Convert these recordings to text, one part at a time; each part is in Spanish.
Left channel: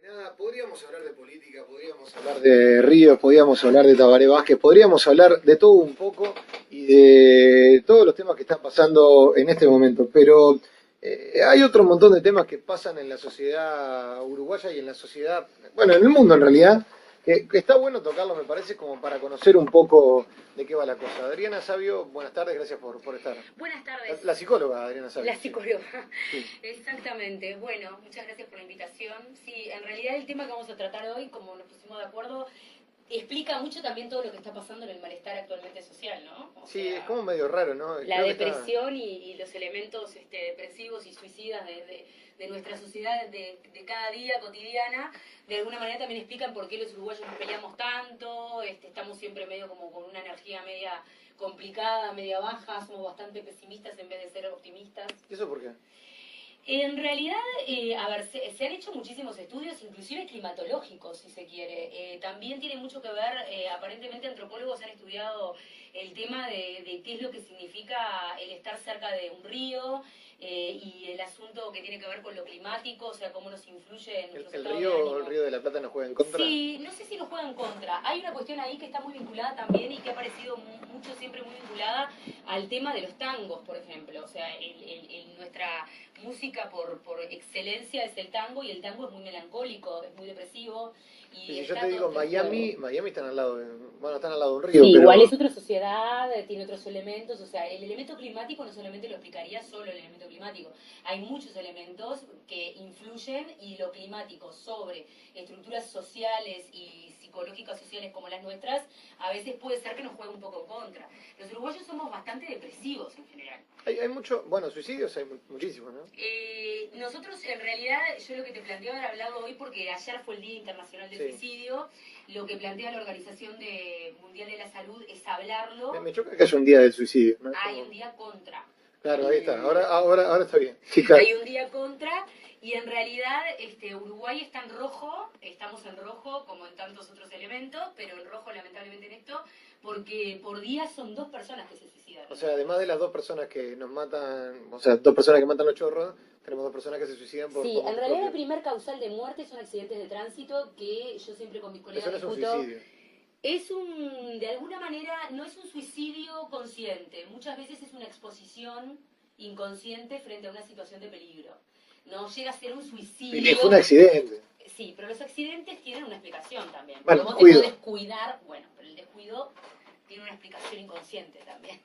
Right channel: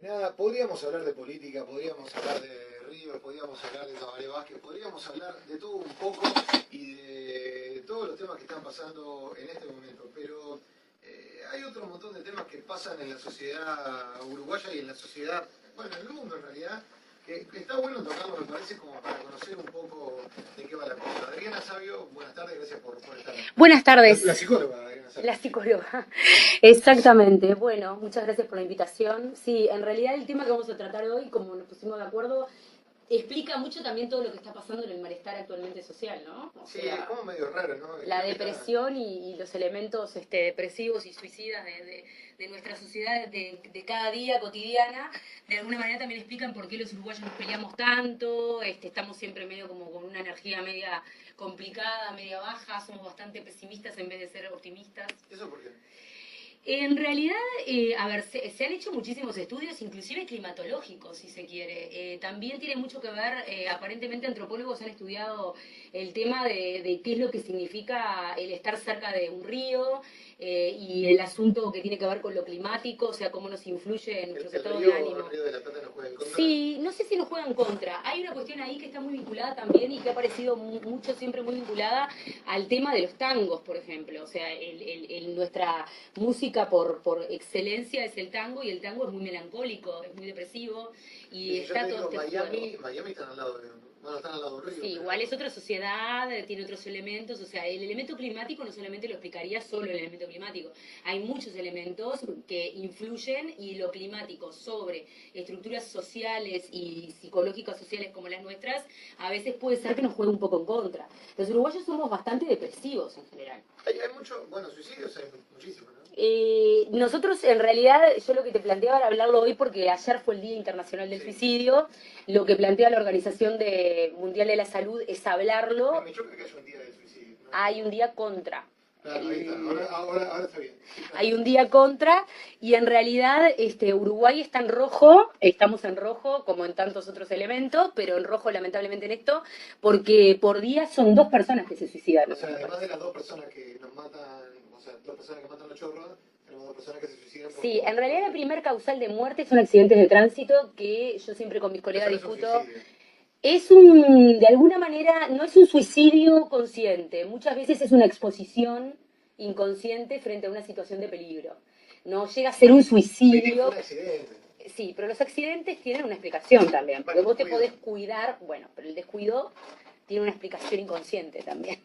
Nada, podríamos hablar de política, podríamos hablar de Ríos, podríamos hablar de Tabaré Vázquez, podríamos hablar de todo un poco y de todos los temas que están pasando en este momento, pero hay otro montón de temas que pasan en la sociedad uruguaya y en la sociedad, bueno, en el mundo en realidad, que está bueno tocarlo, me parece, como para conocer un poco de qué va la cosa. Adriana Sabio, buenas tardes, gracias por estar. Buenas La tardes, psicóloga Adriana la Sabio, sí. psicóloga. Sí. Exactamente. Bueno, muchas gracias por la invitación. Sí, en realidad el tema que vamos a tratar hoy, como nos pusimos de acuerdo, explica mucho también todo lo que está pasando en el malestar actualmente social, ¿no? O Sí, sea, como medio raro, ¿no? la Creo que está. depresión y los elementos depresivos y suicidas de nuestra sociedad de cada día cotidiana, de alguna manera también explican por qué los uruguayos nos peleamos tanto, estamos siempre medio como con una energía media complicada, media baja, somos bastante pesimistas en vez de ser optimistas. ¿Eso por qué? En realidad, a ver, se han hecho muchísimos estudios, inclusive climatológicos, si se quiere. También tiene mucho que ver, aparentemente antropólogos han estudiado el tema de qué es lo que significa el estar cerca de un río y el asunto que tiene que ver con lo climático, o sea, cómo nos influye en nuestros estados de El ánimo. Río de la Plata nos juega en contra? Sí, no sé si nos juegan contra. Hay una cuestión ahí que está muy vinculada también y que ha aparecido mucho, siempre muy vinculada al tema de los tangos, por ejemplo. O sea, nuestra música por excelencia es el tango y el tango es muy melancólico, es muy depresivo Y y si yo está te todo digo este juego. Miami están al lado de, bueno, están al lado de un río, Sí, igual pero es otra sociedad, tiene otros elementos, o sea, el elemento climático no solamente lo explicaría solo el elemento climático, hay muchos elementos que influyen y lo climático sobre estructuras sociales y psicológicas sociales como las nuestras, a veces puede ser que nos juegue un poco en contra. Los uruguayos somos bastante depresivos en general. hay mucho, bueno, suicidios hay muchísimos, ¿no? Nosotros en realidad, yo lo que te planteaba era hablarlo hoy porque ayer fue el Día Internacional del Sí. Suicidio, lo que plantea la Mundial de la Salud es hablarlo. Me choca que haya un día del suicidio, ¿no? Hay un día contra. Claro, ahí está, El- ahora está bien. Sí, claro. Hay un día contra y en realidad Uruguay está en rojo, estamos en rojo como en tantos otros elementos, pero en rojo lamentablemente en esto, porque por día son 2 personas que se suicidan O en sea, nuestro además país. de las dos personas que nos matan, o sea, dos personas que matan los chorros, tenemos dos personas que se suicidan Sí, por en sus realidad la propios. primer causal de muerte son accidentes de tránsito que yo siempre con mis Eso colegas no es un discuto. suicidio. De alguna manera, no es un suicidio consciente, muchas veces es una exposición inconsciente frente a una situación de peligro. No llega a ser un Fue un suicidio. accidente, Sí, pero los accidentes tienen una explicación también, porque mal vos te descuido. podés cuidar, bueno, pero el descuido tiene una explicación inconsciente también.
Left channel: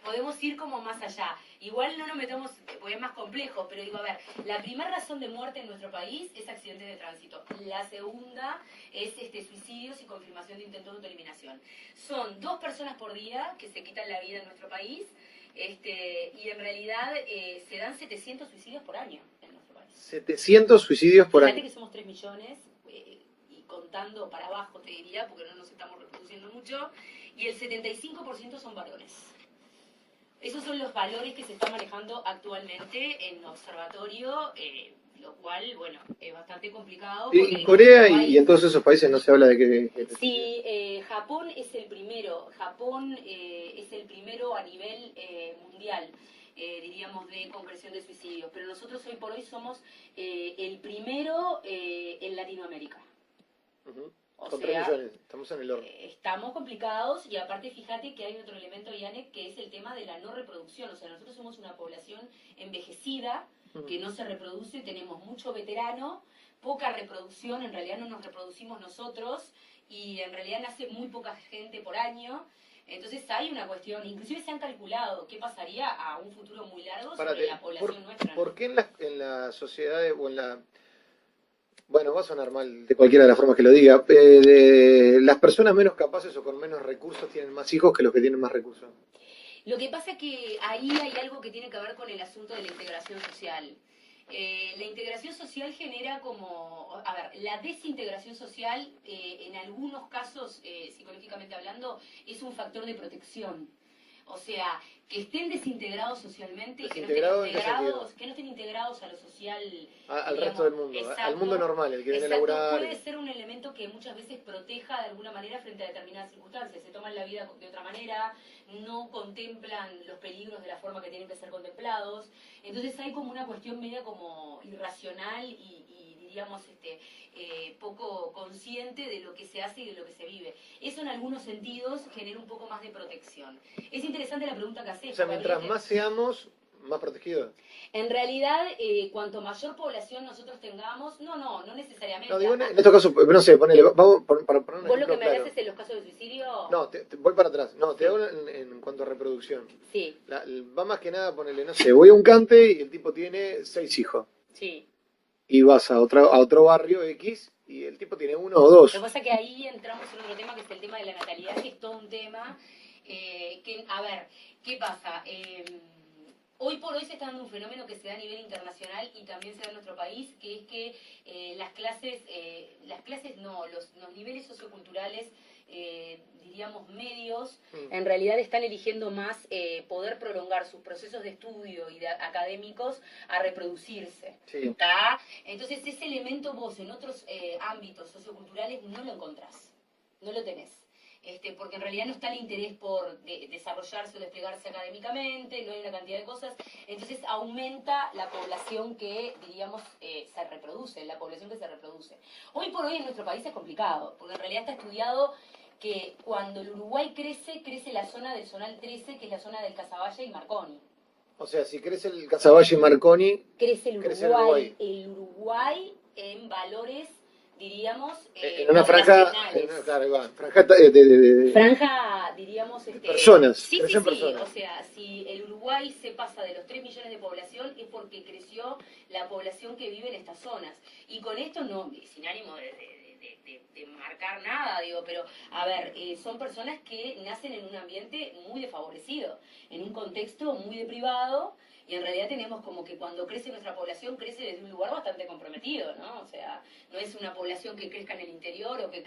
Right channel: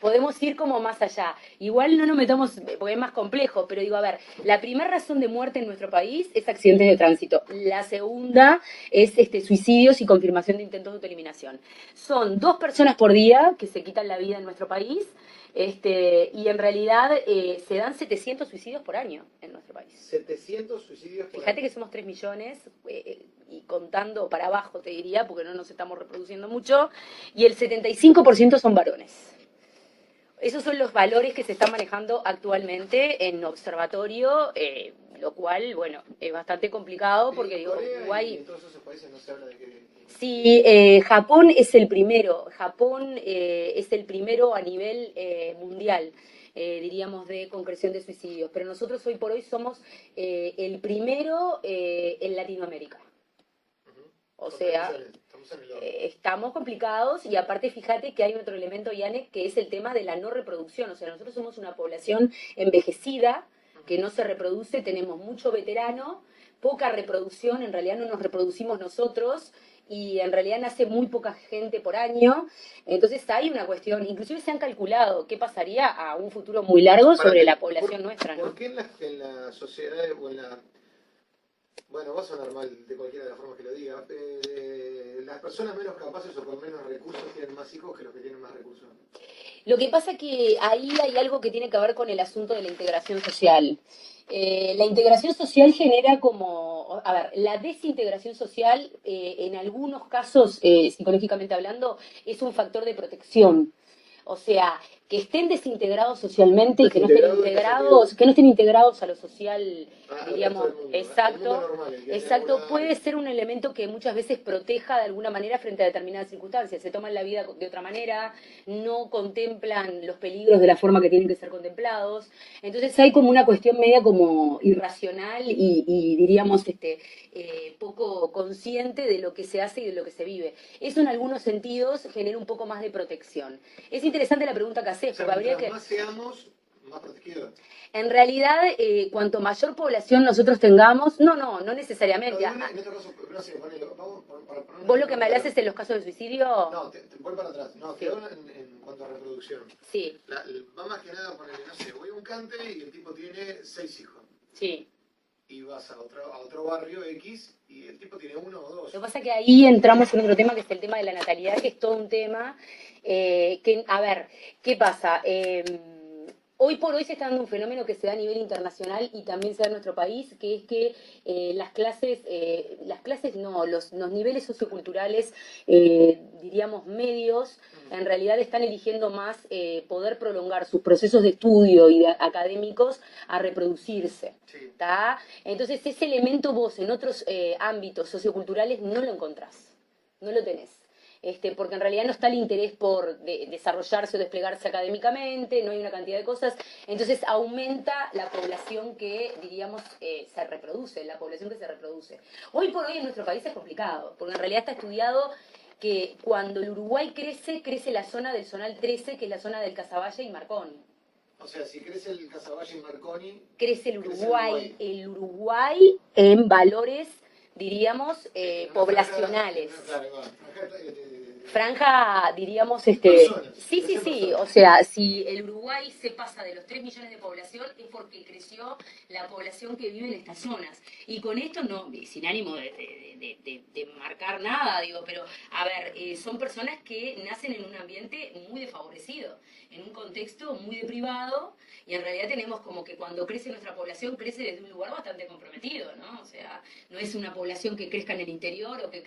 Podemos ir como más allá. Igual no nos metamos, porque es más complejo, pero digo, a ver, la primera razón de muerte en nuestro país es accidentes de tránsito. La segunda es suicidios y confirmación de intentos de autoeliminación. Son 2 personas por día que se quitan la vida en nuestro país. Y en realidad se dan 700 suicidios por año en nuestro país. 700 suicidios por Fíjate año. que somos 3 millones y contando para abajo te diría, porque no nos estamos reproduciendo mucho, y el 75% son varones. Esos son los valores que se están manejando actualmente en observatorio, lo cual, bueno, es bastante complicado Y en porque Corea no y hay. en todos esos países no se habla de que Sí, Japón es el primero. Japón es el primero a nivel mundial, diríamos, de concreción de suicidios. Pero nosotros hoy por hoy somos el primero en Latinoamérica. Ujú. O Con 3 sea, millones, estamos en el horno. estamos complicados y aparte fíjate que hay otro elemento, Yane, que es el tema de la no reproducción. O sea, nosotros somos una población envejecida Ujú. que no se reproduce, tenemos mucho veterano, poca reproducción, en realidad no nos reproducimos nosotros y en realidad nace muy poca gente por año. Entonces hay una cuestión, inclusive se han calculado qué pasaría a un futuro muy largo sobre Párate, la población nuestra, por ¿no? qué en la sociedad o en la... Bueno, va a sonar mal de cualquiera de las formas que lo diga. Las personas menos capaces o con menos recursos tienen más hijos que los que tienen más recursos. Lo que pasa que ahí hay algo que tiene que ver con el asunto de la integración social. La integración social genera como, a ver, la desintegración social en algunos casos, psicológicamente hablando, es un factor de protección. O sea, que estén desintegrados socialmente y que no Desintegrados, estén integrados a lo social, al diríamos, resto del mundo, al exacto, mundo normal, el que viene a exacto, laburar. puede ser un elemento que muchas veces proteja de alguna manera frente a determinadas circunstancias. Se toman la vida de otra manera, no contemplan los peligros de la forma que tienen que ser contemplados. Entonces hay como una cuestión media como irracional y diríamos poco consciente de lo que se hace y de lo que se vive. Eso en algunos sentidos genera un poco más de protección. Es interesante la pregunta que haces, O sea, porque habría mientras más seamos, más protegidos. En realidad, cuanto mayor población nosotros tengamos, no necesariamente. No, digo, en estos casos, no sé, ponele, vamos para poner un ¿Vos lo que ejemplo me hablas claro. es de los casos de suicidio? No, voy para atrás. No, te Sí. hablo en cuanto a reproducción. Sí, Va más que nada, ponele, no sé, voy a un cante y el tipo tiene 6 hijos. sí. Y vas a otro barrio X y el tipo tiene 1 o 2. Lo que pasa es que ahí entramos en otro tema, que es el tema de la natalidad, que es todo un tema a ver, ¿qué pasa? Hoy por hoy se está dando un fenómeno que se da a nivel internacional y también se da en nuestro país, que es que los niveles socioculturales, diríamos medios, en realidad están eligiendo más poder prolongar sus procesos de estudio y académicos a reproducirse. Sí. ¿Tá? Entonces ese elemento vos en otros ámbitos socioculturales no lo encontrás, no lo tenés. Porque en realidad no está el interés por desarrollarse o desplegarse académicamente, no hay una cantidad de cosas, entonces aumenta la población que, diríamos, se reproduce, la población que se reproduce. Hoy por hoy en nuestro país es complicado, porque en realidad está estudiado que cuando el Uruguay crece la zona del Zonal 13, que es la zona del Casaballe y Marconi. O sea, si crece el Casaballe y Marconi, crece el Uruguay en valores, diríamos, en una poblacionales. Franja, diríamos, personas. Sí, Personas. o sea, si el Uruguay se pasa de los 3 millones de población es porque creció la población que vive en estas zonas. Y con esto no, sin ánimo de marcar nada, digo, pero a ver, son personas que nacen en un ambiente muy desfavorecido, en un contexto muy deprivado, y en realidad tenemos como que cuando crece nuestra población, crece desde un lugar bastante comprometido, ¿no? O sea, no es una población que crezca en el interior o que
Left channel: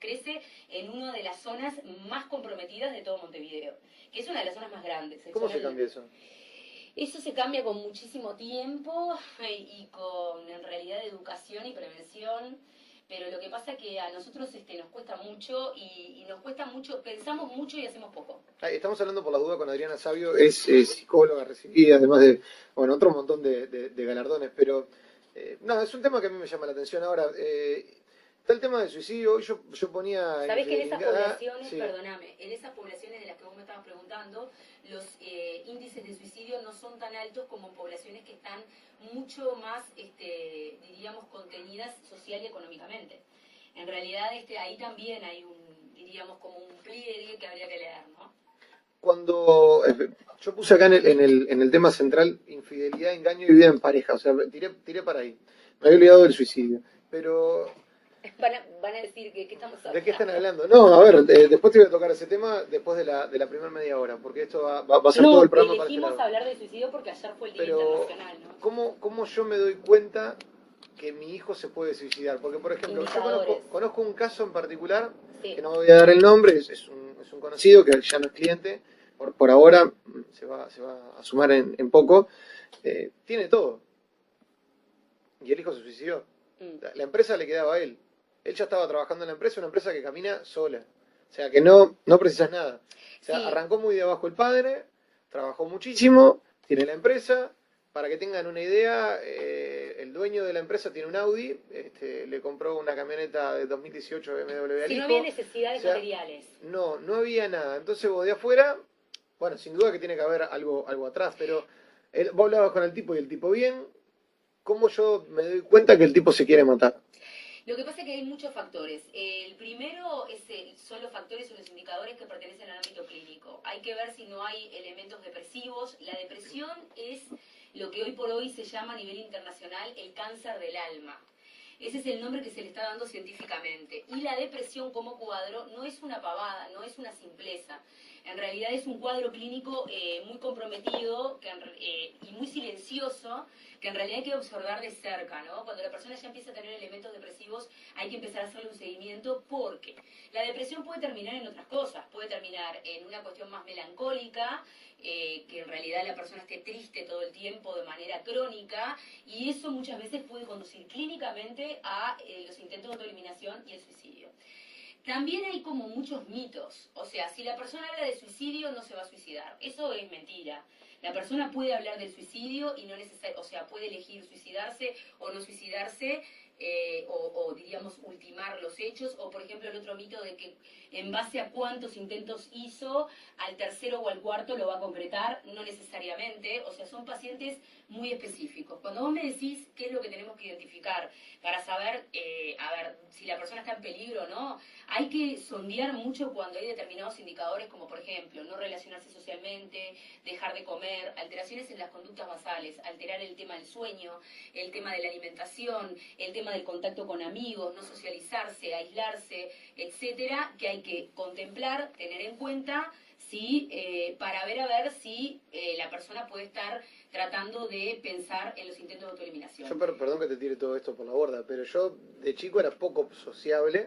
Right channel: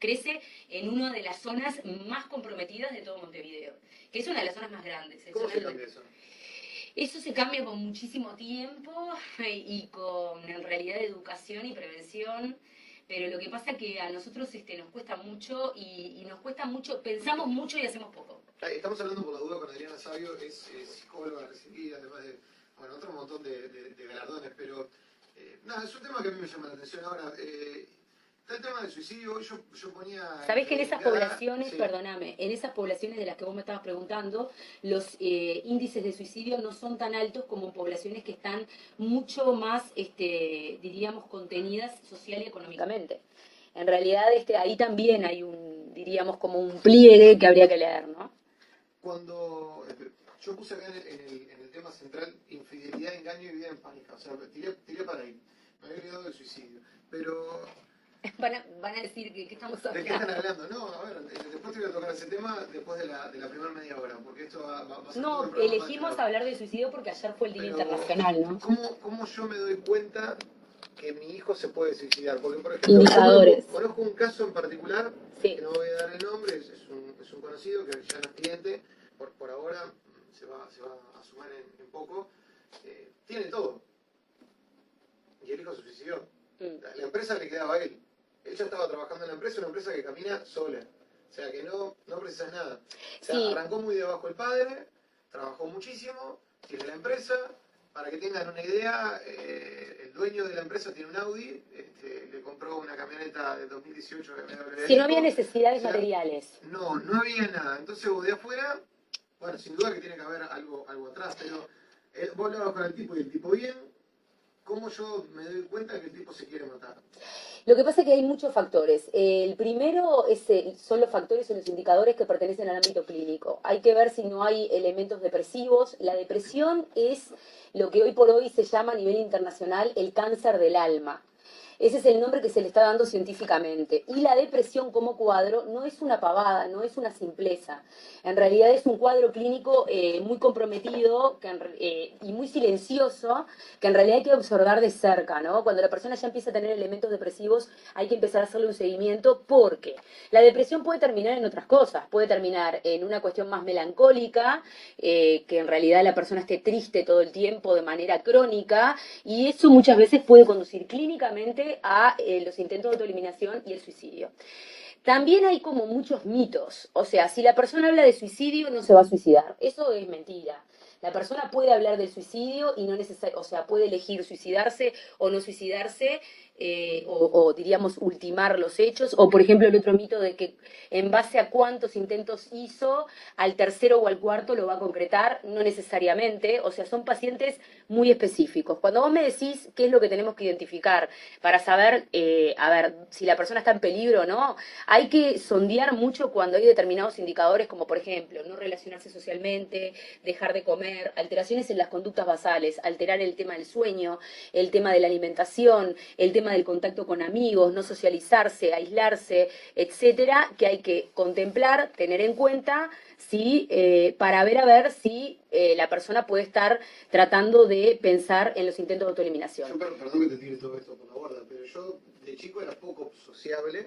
crece en una de las zonas más comprometidas de todo Montevideo, que es una de las zonas más grandes. ¿Cómo se cambia eso? Eso se cambia con muchísimo tiempo y con, en realidad, educación y prevención. Pero lo que pasa que a nosotros nos cuesta mucho y nos cuesta mucho, pensamos mucho y hacemos poco. Estamos hablando por la duda con Adriana Sabio, es psicóloga recibida, además de, bueno, otro montón de galardones, pero no, es un tema que a mí me llama la atención ahora. Está el tema del suicidio, yo ponía... Sabés que en esas poblaciones, sí. Perdóname, en esas poblaciones de las que vos me estabas preguntando, los índices de suicidio no son tan altos como en poblaciones que están mucho más, diríamos, contenidas social y económicamente. En realidad ahí también hay diríamos, como un pliegue que habría que leer, ¿no? Cuando yo puse acá en el tema central infidelidad, engaño y vida en pareja, o sea, tiré para ahí. Me había olvidado del suicidio, pero... Van a decir que estamos hablando. ¿De qué están hablando? No, a ver, después te voy a tocar ese tema después de la primera media hora, porque esto va a ser todo el programa. No, elegimos hablar de suicidio porque ayer fue el Día Internacional, ¿no? ¿Cómo yo me doy cuenta que mi hijo se puede suicidar? Porque, por ejemplo, indicadores. Conozco un caso en particular, sí. que no voy a dar el nombre, es un conocido que ya no es cliente, por ahora se va a sumar en poco, tiene todo. Y el hijo se suicidó. La empresa le quedaba a él. Él ya estaba trabajando en la empresa, una empresa que camina sola. O sea, que no precisas nada. O sea, arrancó muy de abajo el padre, trabajó muchísimo, tiene la empresa. Para que tengan una idea, el dueño de la empresa tiene un Audi, le compró una camioneta de 2018 BMW. Si no había necesidades materiales. No había nada. Entonces vos de afuera, bueno, sin duda que tiene que haber algo atrás, pero vos hablabas con el tipo y el tipo bien. ¿Cómo yo me doy cuenta que el tipo se quiere matar? Lo que pasa es que hay muchos factores. El primero son los factores o los indicadores que pertenecen al ámbito clínico. Hay que ver si no hay elementos depresivos. La depresión es lo que hoy por hoy se llama a nivel internacional el cáncer del alma. Ese es el nombre que se le está dando científicamente. Y la depresión como cuadro no es una pavada, no es una simpleza. En realidad es un cuadro clínico muy comprometido y muy silencioso, que en realidad hay que observar de cerca, ¿no? Cuando la persona ya empieza a tener elementos depresivos, hay que empezar a hacerle un seguimiento, porque la depresión puede terminar en otras cosas, puede terminar en una cuestión más melancólica, que en realidad la persona esté triste todo el tiempo de manera crónica, y eso muchas veces puede conducir clínicamente a los intentos de autoeliminación y el suicidio. También hay como muchos mitos, o sea, si la persona habla de suicidio no se va a suicidar, eso es mentira. La persona puede hablar del suicidio y no necesariamente, o sea, puede elegir suicidarse o no suicidarse, o diríamos ultimar los hechos, o por ejemplo el otro mito de que en base a cuántos intentos hizo, al tercero o al cuarto lo va a concretar, no necesariamente, o sea, son pacientes muy específicos. Cuando vos me decís qué es lo que tenemos que identificar para saber, a ver, si la persona está en peligro o no, hay que sondear mucho cuando hay determinados indicadores, como por ejemplo, no relacionarse socialmente, dejar de comer, alteraciones en las conductas basales, alterar el tema del sueño, el tema de la alimentación, el tema del contacto con amigos, no socializarse, aislarse, etcétera, que hay que contemplar, tener en cuenta, sí, para ver a ver si la persona puede estar tratando de pensar en los intentos de autoeliminación. Yo, perdón que te tire todo esto por la borda, pero yo de chico era poco sociable.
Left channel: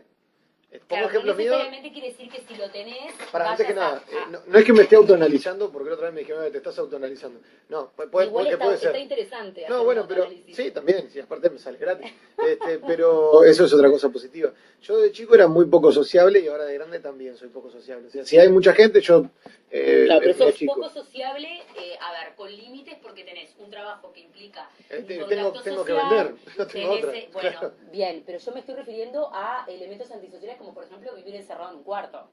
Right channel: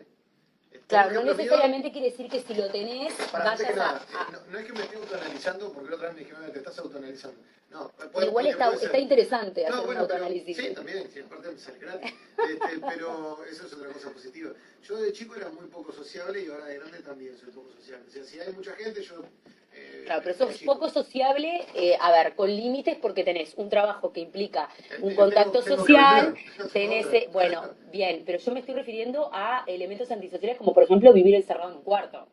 Claro, no necesariamente quiere decir que si lo tenés, antes que vayas nada, no es que me esté autoanalizando, porque la otra vez me dijeron, te estás autoanalizando. No, igual puede está interesante hacer un autoanálisis. Sí, también, sí, aparte me sale gratis. Pero eso es otra cosa positiva. Yo de chico era muy poco sociable y ahora de grande también soy poco sociable. O sea, si hay mucha gente, yo... claro, pero sos poco sociable, a ver, con límites, porque tenés un trabajo que implica un contacto social, tenés, bueno, bien, pero yo me estoy refiriendo a elementos antisociales como por ejemplo vivir encerrado en un cuarto.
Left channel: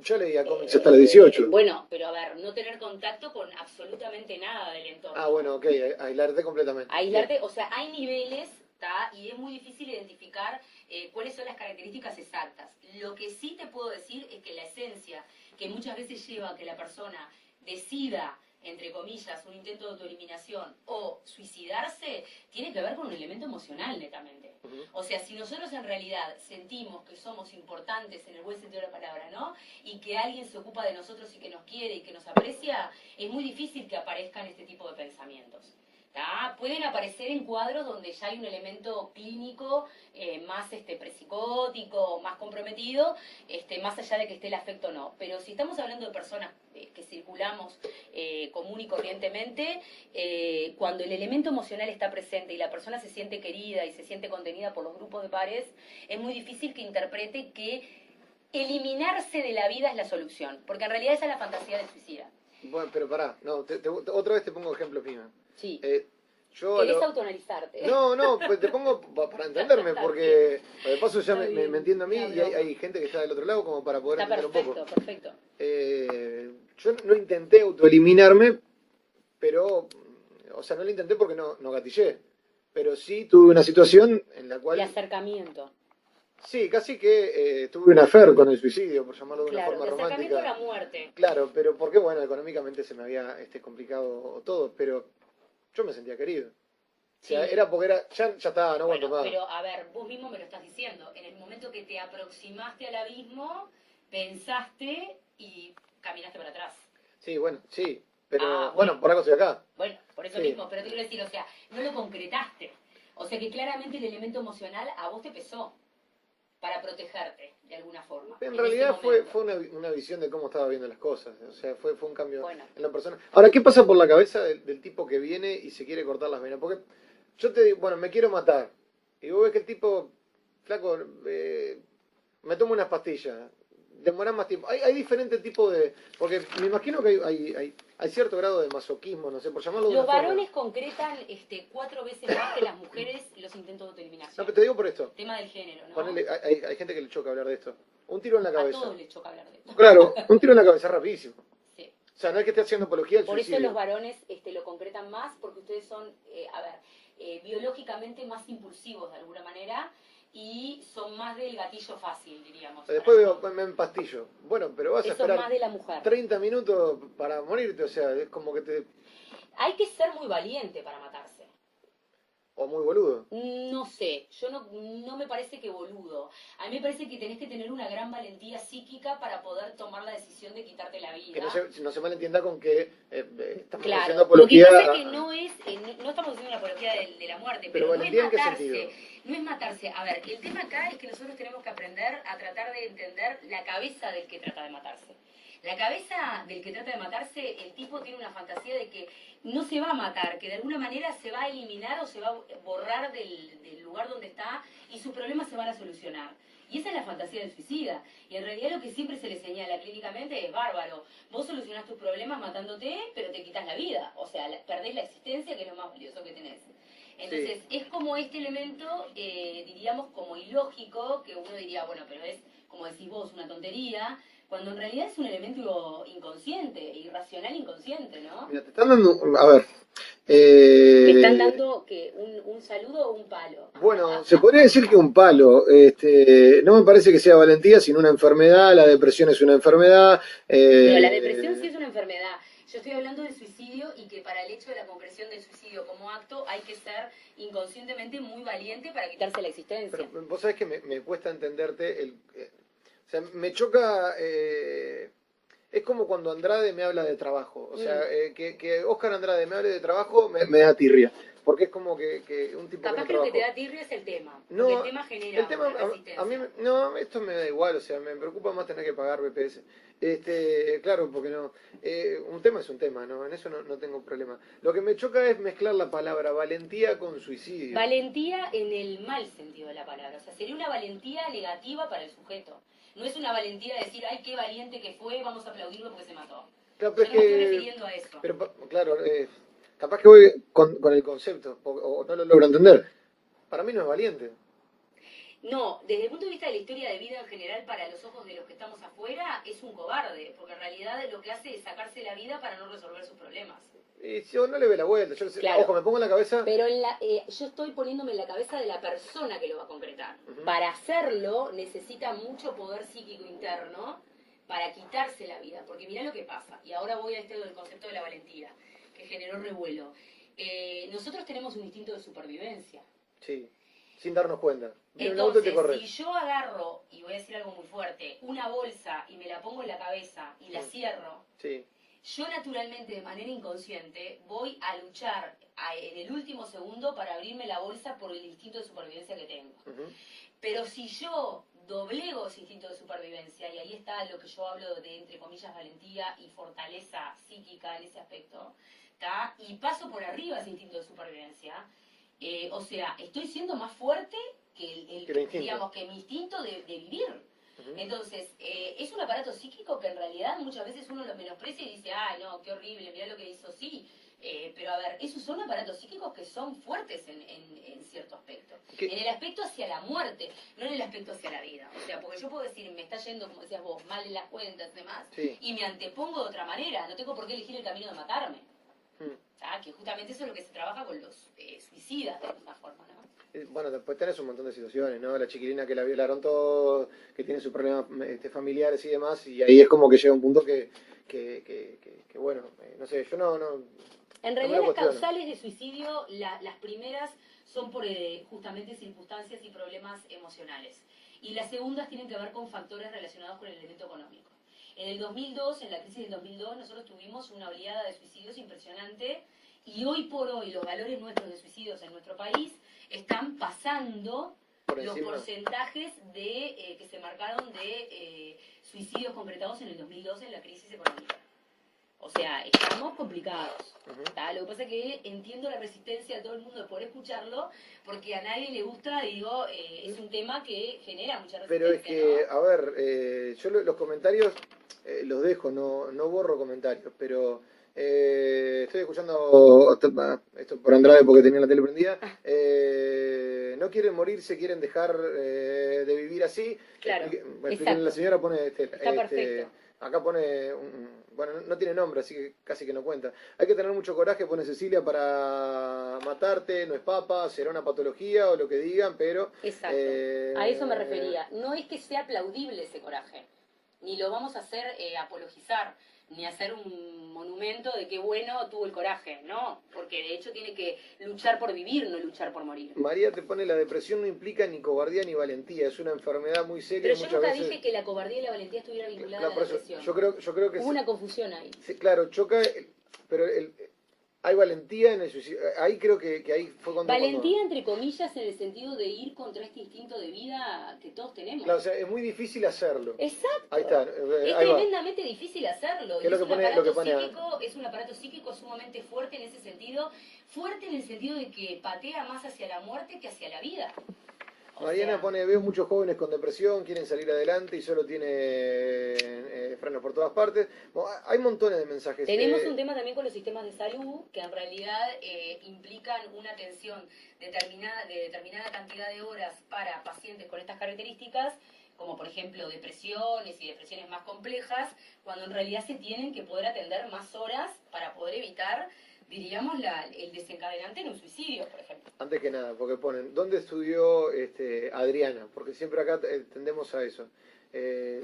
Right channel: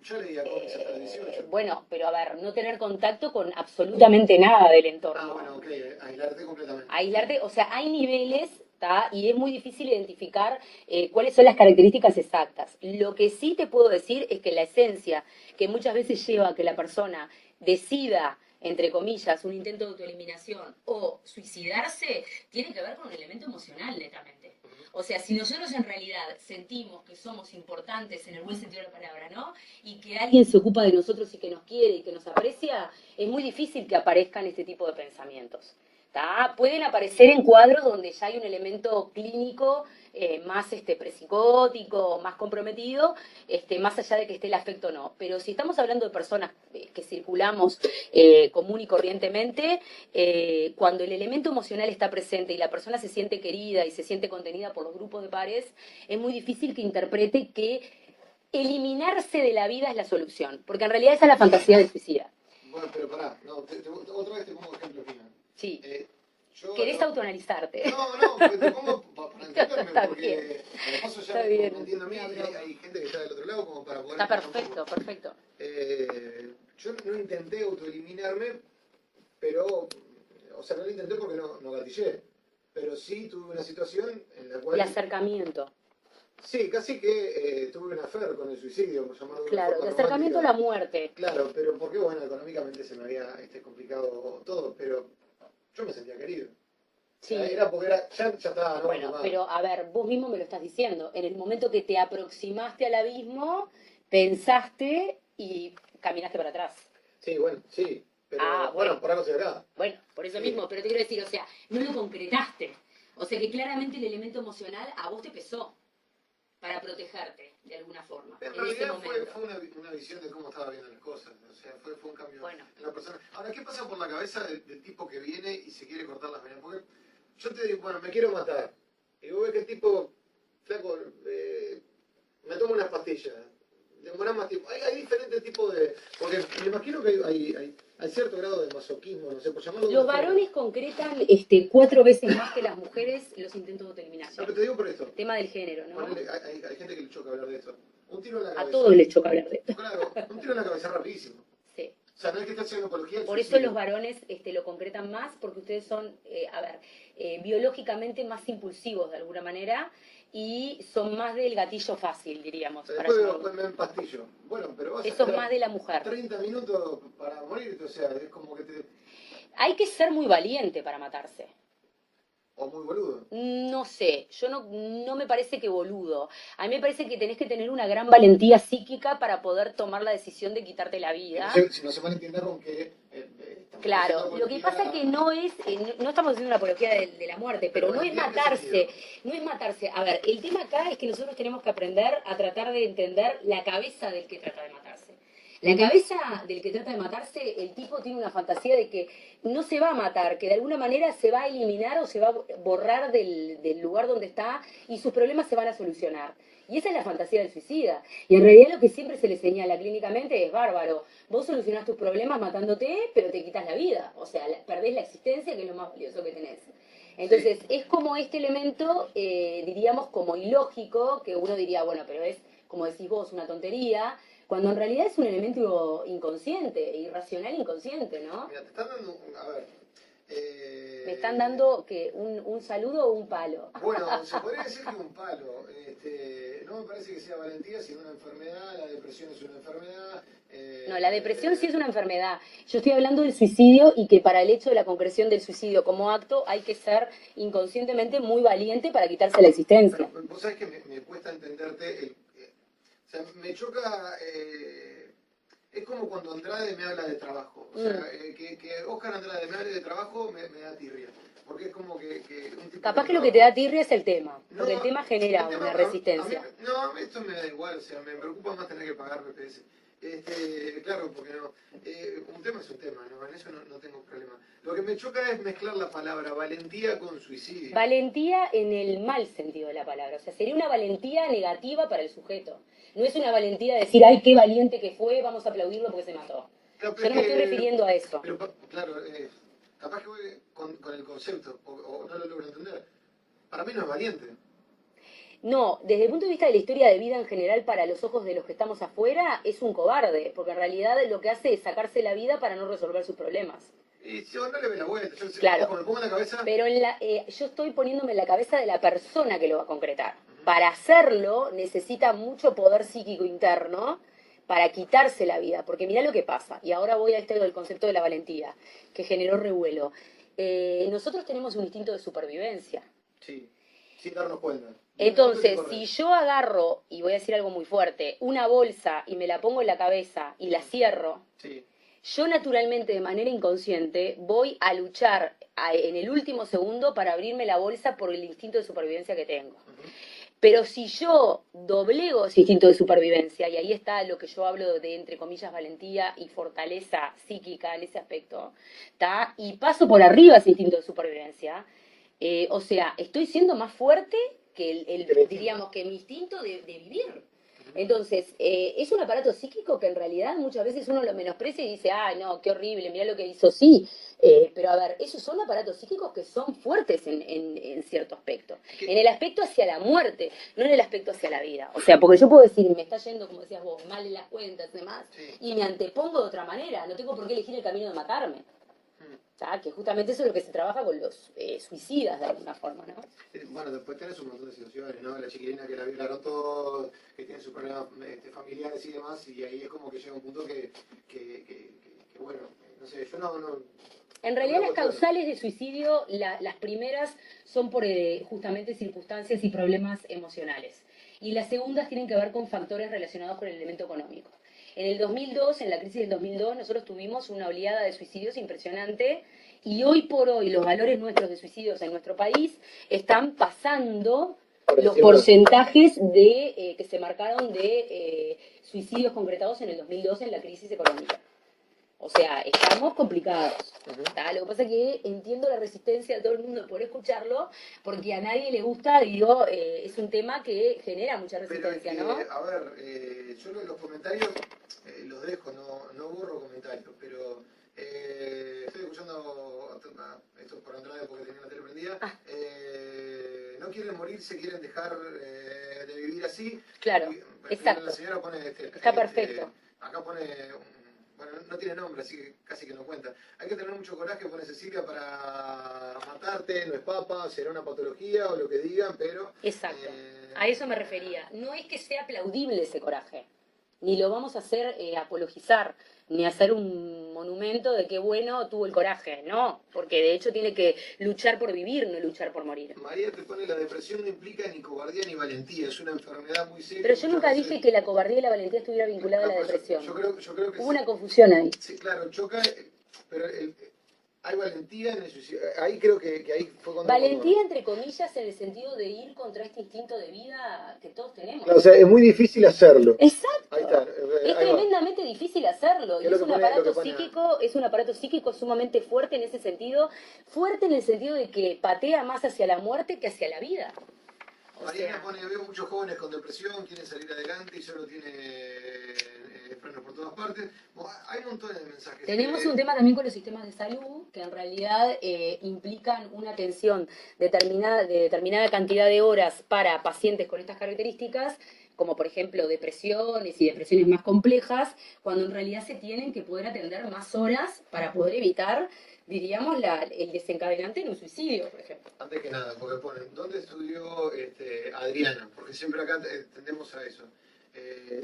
Yo leía cómics hasta los 18. Bueno, pero a ver, no tener contacto con absolutamente nada del entorno. Ah, bueno, ok, aislarte completamente. Aislarte, o sea, hay niveles, ¿tá? Y es muy difícil identificar cuáles son las características exactas. Lo que sí te puedo decir es que la esencia que muchas veces lleva a que la persona decida, entre comillas, un intento de autoeliminación o suicidarse, tiene que ver con un elemento emocional netamente. O sea, si nosotros en realidad sentimos que somos importantes en el buen sentido de la palabra, ¿no? Y que alguien se ocupa de nosotros y que nos quiere y que nos aprecia, es muy difícil que aparezcan este tipo de pensamientos. ¿Tá? Pueden aparecer en cuadros donde ya hay un elemento clínico más presicótico, más comprometido, más allá de que esté el afecto o no. Pero si estamos hablando de personas que circulamos común y corrientemente, cuando el elemento emocional está presente y la persona se siente querida y se siente contenida por los grupos de pares, es muy difícil que interprete que eliminarse de la vida es la solución, porque en realidad esa es la fantasía del suicida. Bueno, pero pará, no, otra vez te pongo ejemplos míos. Sí. ¿Querés autoanalizarte? No, pues te pongo para entenderme, porque de paso ya me entiendo a mí y hay gente que está del otro lado como para poder... Está perfecto, perfecto. Yo no intenté autoeliminarme, pero, o sea, no lo intenté porque no gatillé, pero sí tuve una situación en la cual... El acercamiento. Sí, casi que tuve un affair con el suicidio, por llamarlo de una forma romántica. Claro, el acercamiento a la muerte. Claro, pero porque, bueno, económicamente se me había complicado todo, pero yo me sentía querido. Sí. O sea, era porque ya estaba, ¿no? Bueno, pero a ver, vos mismo me lo estás diciendo. En el momento que te aproximaste al abismo, pensaste y caminaste para atrás. Sí, bueno, sí. Pero bueno, por algo estoy acá. Bueno, por eso mismo, pero te quiero decir, o sea, no lo concretaste. O sea que claramente el elemento emocional a vos te pesó para protegerte, de alguna forma. En realidad fue una visión de cómo estaba viendo las cosas. O sea, fue un cambio en la persona. Ahora, ¿qué pasa por la cabeza del tipo que viene y se quiere cortar las venas? Porque yo te digo, bueno, me quiero matar. Y vos ves que el tipo, flaco, me tomo unas pastillas. Demorás más tiempo. Hay diferentes tipos de... Porque me imagino que hay cierto grado de masoquismo, no sé, por llamarlo de Los varones concretan 4 veces más que las mujeres los intentos de autoeliminación. Lo que te digo por esto. Tema del género, ¿no? Hay gente que le choca hablar de esto. Un tiro en la cabeza. A todos les choca hablar de esto. Claro, un tiro en la cabeza rapidísimo. Sí. O sea, no es que esté haciendo apología del Por suicidio. eso los varones lo concretan más, porque ustedes son, biológicamente más impulsivos de alguna manera y son más del gatillo fácil, diríamos. Después me empastillo. Bueno, pero vas a esperar más de la mujer. 30 minutos para morirte, o sea, es como que te... Hay que ser muy valiente para matarse. o muy boludo. No sé, yo no me parece que boludo. A mí me parece que tenés que tener una gran valentía psíquica para poder tomar la decisión de quitarte la Que no vida. se, si no se malentienda con que estamos haciendo Claro, lo que apología pasa es que no es, no estamos haciendo una apología de la muerte, pero pero no es valentía en qué sentido. matarse, no es matarse. A ver, el tema acá es que nosotros tenemos que aprender a tratar de entender la cabeza del que trata de matarse. La cabeza del que trata de matarse, el tipo tiene una fantasía de que no se va a matar, que de alguna manera se va a eliminar o se va a borrar del lugar donde está y sus problemas se van a solucionar. Y esa es la fantasía del suicida. Y en realidad lo que siempre se le señala clínicamente es bárbaro. Vos solucionás tus problemas matándote, pero te quitas la vida. O sea, perdés la existencia, que es lo más valioso que tenés. Entonces, Sí. es como este elemento, diríamos, como ilógico, que uno diría, bueno, pero es, como decís vos, una tontería, cuando en realidad es un elemento inconsciente, irracional inconsciente, ¿no? Mira, te están dando, a ver, Me están dando que un saludo o un palo. bueno, se podría decir que un palo. No me parece que sea valentía, sino una enfermedad. La depresión es una enfermedad. No, la depresión sí eh, es una enfermedad. Yo estoy hablando del suicidio y que para el hecho de la concreción del suicidio como acto hay que ser inconscientemente muy valiente para quitarse la pero existencia. vos sabés que me cuesta entenderte. O sea, me choca. Es como cuando Andrade me habla de trabajo. O sea, Mm. que Oscar Andrade me hable de trabajo me da tirria. Porque es como que un tipo Capaz con que lo que te trabajo. da tirria es el tema, porque el No, tema el genera tema, una a mí, resistencia. no, esto me da igual, o sea, me preocupa más tener que pagar BPS. Claro, porque no, un tema es un tema, ¿no? En eso no tengo problema. Lo que me choca es mezclar la palabra valentía con suicidio. Valentía en el mal sentido de la palabra, o sea, sería una valentía negativa para el sujeto. No es una valentía de decir, ay, qué valiente que fue, vamos a aplaudirlo porque se mató. Claro, pero Yo es no me estoy que, refiriendo a eso. pero claro, capaz que voy con el concepto, o no lo logro entender. Para mí no es valiente. No, desde el punto de vista de la historia de vida en general, para los ojos de los que estamos afuera, es un cobarde, porque en realidad lo que hace es sacarse la vida para no resolver sus problemas. Y yo no le ve la vuelta, ojo, Claro, me pongo en la cabeza. pero yo estoy poniéndome en la cabeza de la persona que lo va a concretar. Ujú. Para hacerlo necesita mucho poder psíquico interno para quitarse la vida, porque mirá lo que pasa, y ahora voy a este del concepto de la valentía, que generó revuelo. Nosotros tenemos un instinto de supervivencia. Sí, sin darnos cuenta. Viene un auto y te Entonces, corres. si yo agarro, y voy a decir algo muy fuerte, una bolsa y me la pongo en la cabeza y la Mm, cierro, sí. yo naturalmente, de manera inconsciente, voy a luchar en el último segundo para abrirme la bolsa por el instinto de supervivencia que tengo. Ujú. Pero si yo doblego ese instinto de supervivencia, y ahí está lo que yo hablo de, entre comillas, valentía y fortaleza psíquica en ese aspecto, ¿tá? Y paso por arriba ese instinto de supervivencia, o sea, estoy siendo más fuerte que Que el instinto. diríamos, que mi instinto de vivir. Ujú. Entonces, es un aparato psíquico que en realidad muchas veces uno lo menosprecia y dice, ay, no, qué horrible, mira lo que hizo, sí. Pero a ver, esos son aparatos psíquicos que son fuertes en cierto aspecto. En el aspecto hacia la muerte, no en el aspecto hacia la vida. O sea, porque yo puedo decir, me está yendo, como decías vos, mal en las cuentas y demás, Sí. y me antepongo de otra manera. No tengo por qué elegir el camino de matarme. Mm. Que justamente eso es lo que se trabaja con los suicidas de alguna forma, ¿no? Bueno, después tenés un montón de situaciones, ¿no? La chiquilina que la violaron todo, que tiene sus problemas familiares y demás, y ahí es como que llega un punto que bueno, no sé, yo En no me realidad lo las cuestiono. causales de suicidio, las primeras son por justamente circunstancias y problemas emocionales. Y las segundas tienen que ver con factores relacionados con el elemento económico. En el 2002, en la crisis del 2002, nosotros tuvimos una oleada de suicidios impresionante y hoy por hoy los valores nuestros de suicidios en nuestro país están pasando Por los encima, porcentajes que se marcaron de suicidios concretados en el 2002 en la crisis económica. O sea, estamos complicados. ujú. ¿Tá? Lo que pasa es que entiendo la resistencia de todo el mundo de poder escucharlo, porque a nadie le gusta, digo, es un tema que genera mucha Pero es resistencia, ¿no? que, a ver, yo los comentarios los dejo, no borro comentarios, pero estoy escuchando esto por Andrade porque tenía la tele prendida. Ah, No quieren morirse, quieren dejar de vivir así. claro, La exacto. señora pone, Está perfecto. acá pone, bueno, no tiene nombre, así que casi que no cuenta. Hay que tener mucho coraje, pone Cecilia, para matarte, no es papa, será una patología o lo que digan, pero Exacto. A eso me refería. No es que sea aplaudible ese coraje. ni lo vamos a hacer apologizar, ni hacer un monumento de qué bueno tuvo el coraje, no, porque de hecho tiene que luchar por vivir, no luchar por morir. María te pone, la depresión no implica ni cobardía ni valentía, es una enfermedad muy seria. Pero yo nunca dije que la cobardía y la valentía estuviera vinculada a la depresión. Yo creo que hubo una confusión ahí. Sí, claro, choca, pero hay valentía en el suicidio. Ahí creo que ahí fue cuando... Valentía, entre comillas, en el sentido de ir contra este instinto de vida que todos tenemos. No, o sea, es muy difícil hacerlo. Exacto. Ahí está. Es tremendamente difícil hacerlo. Y es un aparato psíquico, es un aparato psíquico sumamente fuerte en ese sentido. Fuerte en el sentido de que patea más hacia la muerte que hacia la vida. Mariana pone, veo muchos jóvenes con depresión, quieren salir adelante y solo tiene frenos por todas partes. Bueno, hay montones de mensajes. Tenemos un tema también con los sistemas de salud que en realidad implican una atención de determinada cantidad de horas para pacientes con estas características, como por ejemplo depresiones y depresiones más complejas, cuando en realidad se tienen que poder atender más horas para poder evitar, diríamos, el desencadenante en un suicidio, por ejemplo. Antes que nada, porque ponen, ¿dónde estudió Adriana? Porque siempre acá tendemos a eso.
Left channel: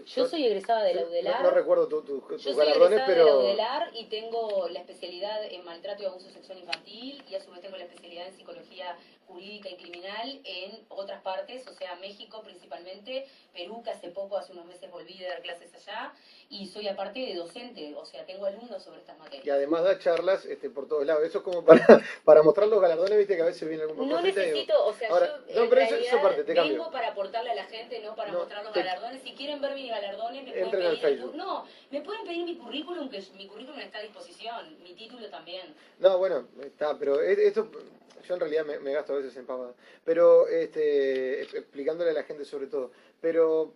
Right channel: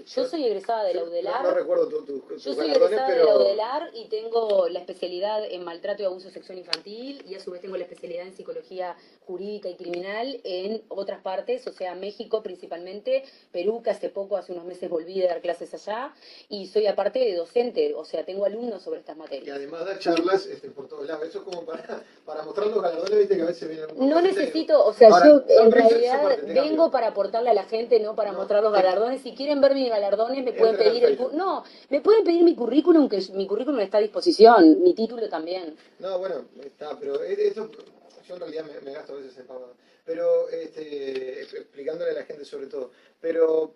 Yo soy egresada de la UDELAR. No recuerdo tus Yo soy egresada de la UDELAR y tengo la especialidad en maltrato y abuso sexual infantil y a su vez tengo la especialidad en psicología jurídica y criminal en otras partes, o sea, México principalmente, Perú, que hace unos meses volví a dar clases allá, y soy aparte de docente, o sea, tengo alumnos sobre estas materias. Y además da charlas por todos lados. Eso es como para mostrar los galardones, viste que a veces viene algún... No necesito, o sea, ahora, yo en realidad vengo para aportarle a la gente, no para mostrar los galardones. Si quieren ver mis galardones, me pueden pedir me pueden pedir mi currículum, que mi currículum está a disposición, mi título también. No, bueno, está, pero esto yo en realidad me gasto a veces en pavadas. Pero explicándole a la gente sobre todo. Pero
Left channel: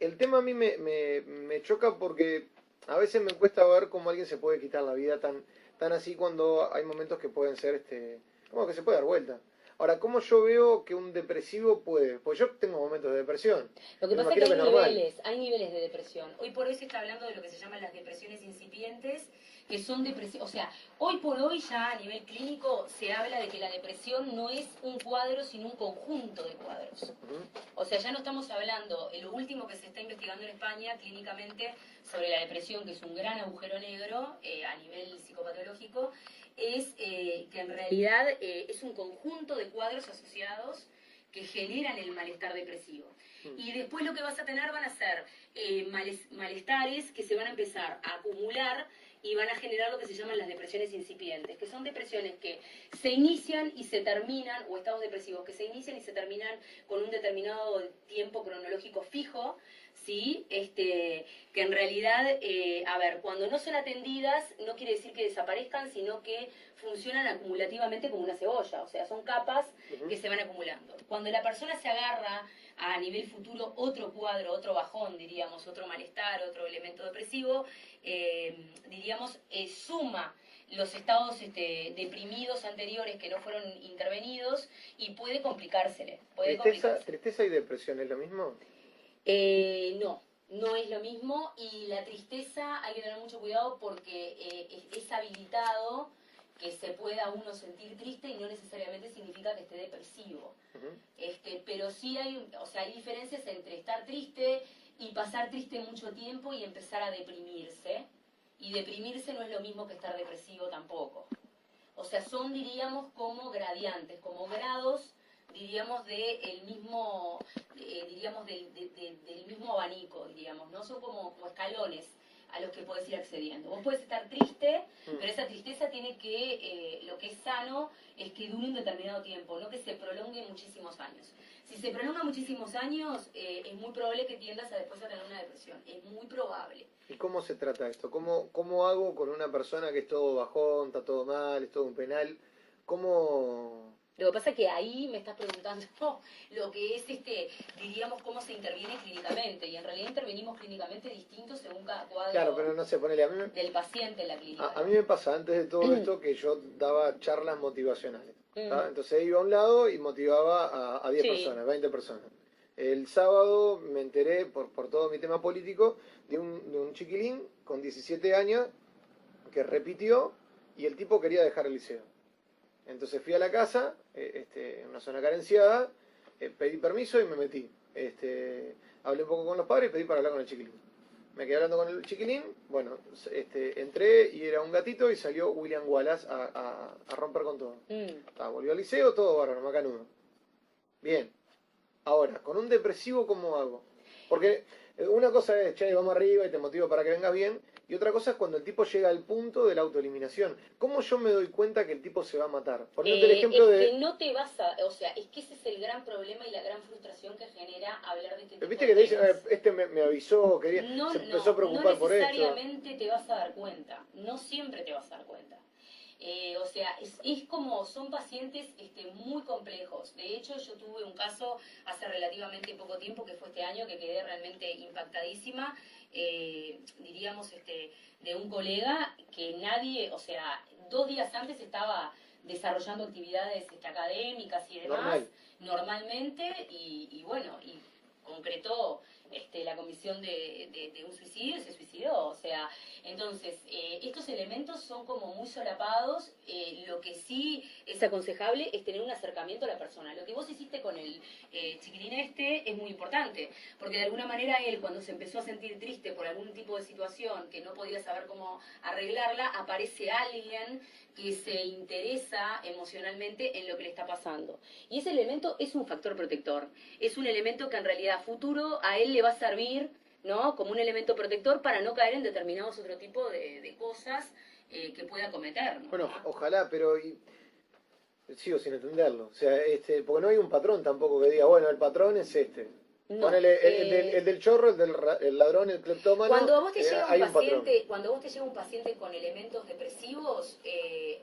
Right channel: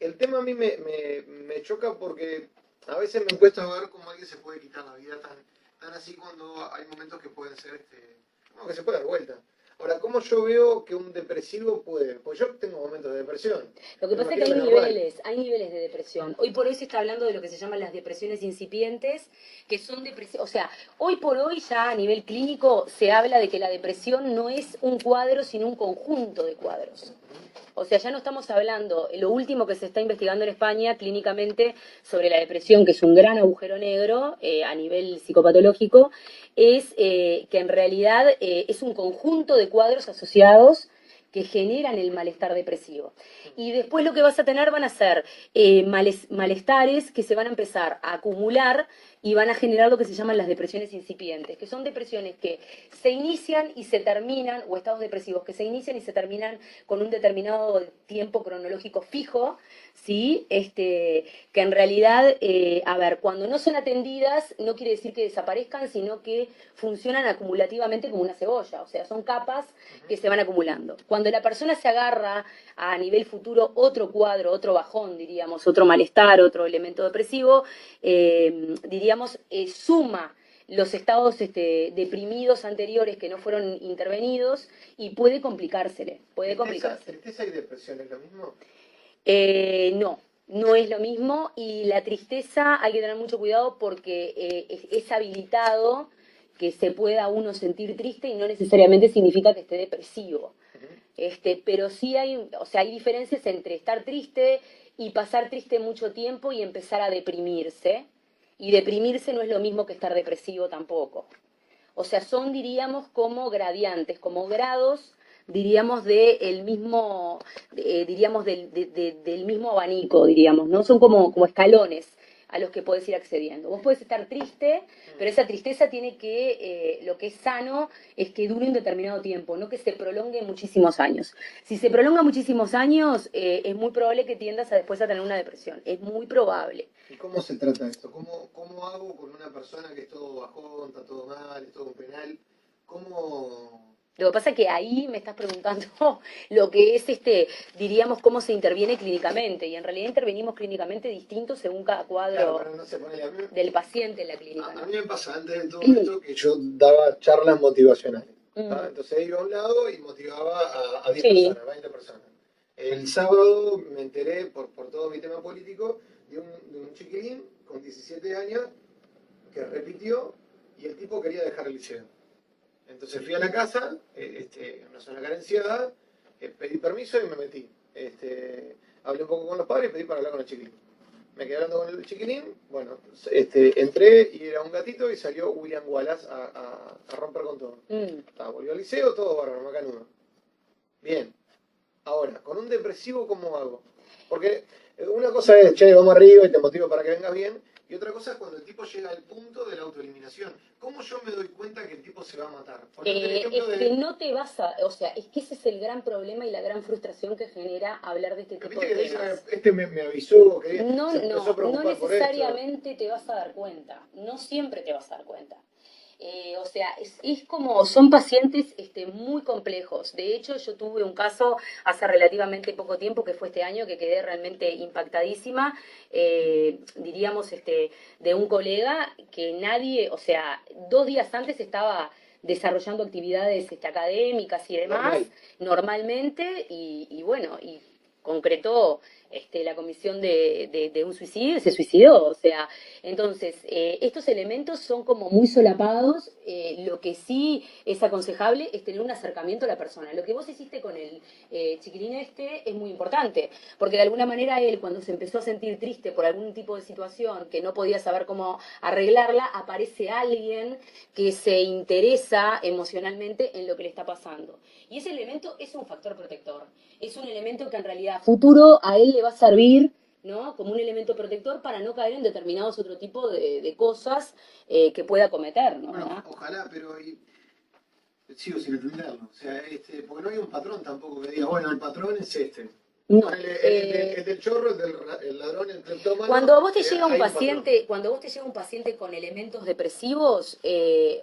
el tema a mí me choca porque a veces me cuesta ver cómo alguien se puede quitar la vida tan así cuando hay momentos que pueden ser como que se puede dar vuelta. Ahora, ¿cómo yo veo que un depresivo puede? Pues yo tengo momentos de depresión. Lo que pasa es que hay niveles de depresión. Hoy por hoy se está hablando de lo que se llaman las depresiones incipientes, que son depresiones, o sea, hoy por hoy ya a nivel clínico se habla de que la depresión no es un cuadro, sino un conjunto de cuadros. O sea, ya no estamos hablando, lo último que se está investigando en España clínicamente sobre la depresión, que es un gran agujero negro a nivel psicopatológico, es que en realidad es un conjunto de cuadros asociados que generan el malestar depresivo. Y después lo que vas a tener van a ser malestares que se van a empezar a acumular y van a generar lo que se llaman las depresiones incipientes, que son depresiones que se inician y se terminan, o estados depresivos que se inician y se terminan con un determinado tiempo cronológico fijo, ¿sí? Que en realidad, cuando no son atendidas, no quiere decir que desaparezcan, sino que funcionan acumulativamente como una cebolla, o sea, son capas que se van acumulando. Cuando la persona se agarra a nivel futuro otro cuadro, otro bajón, diríamos, otro malestar, otro elemento depresivo, diríamos, suma los estados deprimidos anteriores que no fueron intervenidos y puede complicársele. ¿Tristeza y depresión es lo mismo? No es lo mismo, y la tristeza hay que tener mucho cuidado porque es habilitado que se pueda uno sentir triste y no necesariamente significa que esté depresivo. Pero sí hay diferencias entre estar triste y pasar triste mucho tiempo y empezar a deprimirse. Y deprimirse no es lo mismo que estar depresivo tampoco. O sea, son, diríamos, como gradientes, como grados, diríamos, del mismo abanico, diríamos, ¿no? Son como escalones a los que podés ir accediendo. Vos podés estar triste, pero esa tristeza tiene que, lo que es sano es que dure un determinado tiempo, no que se prolongue muchísimos años. Si se prolonga muchísimos años, es muy probable que tiendas después a tener una depresión. Es muy probable. ¿Y cómo se trata esto? ¿Cómo hago con una persona que es todo bajón, está todo mal, es todo un penal? ¿Cómo...? Lo que pasa es que ahí me estás preguntando lo que es, diríamos, cómo se interviene clínicamente. Y en realidad intervenimos clínicamente distinto según cada cuadro, claro, pero no sé, del paciente en la clínica. A mí me pasa antes de todo esto que yo daba charlas motivacionales. Entonces iba a un lado y motivaba a 10 personas, 20 personas. El sábado me enteré, por todo mi tema político, de un chiquilín con 17 años que repitió y el tipo quería dejar el liceo. Entonces fui a la casa, en una zona carenciada, pedí permiso y me metí. Hablé un poco con los padres y pedí para hablar con el chiquilín. me quedé hablando con el chiquilín, bueno, entré y era un gatito y salió William Wallace a romper con todo. Volvió al liceo, todo bárbaro, macanudo. Bien. Ahora, con un depresivo, ¿cómo hago? Porque una cosa es, che, vamos arriba y te motivo para que vengas bien, y otra cosa es cuando el tipo llega al punto de la autoeliminación. ¿Cómo yo me doy cuenta que el tipo se va a matar? Ponete el ejemplo es de... que no te vas a, o sea, es que ese es el gran problema y la gran frustración que genera hablar de este tipo Viste de que te temas. dicen, me avisó, que No, se empezó a no preocupar por esto. necesariamente te vas a dar cuenta, no siempre te vas a dar cuenta. O sea, es como, son pacientes muy complejos. De hecho, yo tuve un caso hace relativamente poco tiempo, que fue este año, que quedé realmente impactadísima, diríamos, de un colega que nadie, o sea, 2 días antes estaba desarrollando actividades académicas y demás, normalmente, y bueno, y concretó la comisión de un suicidio y se suicidó. O sea, entonces, estos elementos son como muy solapados. Lo que sí es aconsejable es tener un acercamiento a la persona. Lo que vos hiciste con el chiquilín es muy importante, porque de alguna manera él, cuando se empezó a sentir triste por algún tipo de situación que no podía saber cómo arreglarla, aparece alguien que se interesa emocionalmente en lo que le está pasando. Y ese elemento es un factor protector. Es un elemento que en realidad a futuro a él le va a servir, ¿no? Como un elemento protector para no caer en determinados otro tipo de cosas que pueda cometer, ¿no? Bueno, ojalá, pero sigo sin entenderlo. O sea, porque no hay un patrón tampoco que diga, bueno, el patrón es este. No. Ponele, el del chorro, el ladrón, el cleptómano. Cuando a vos te llega un hay paciente, cuando vos te llega un paciente con elementos depresivos,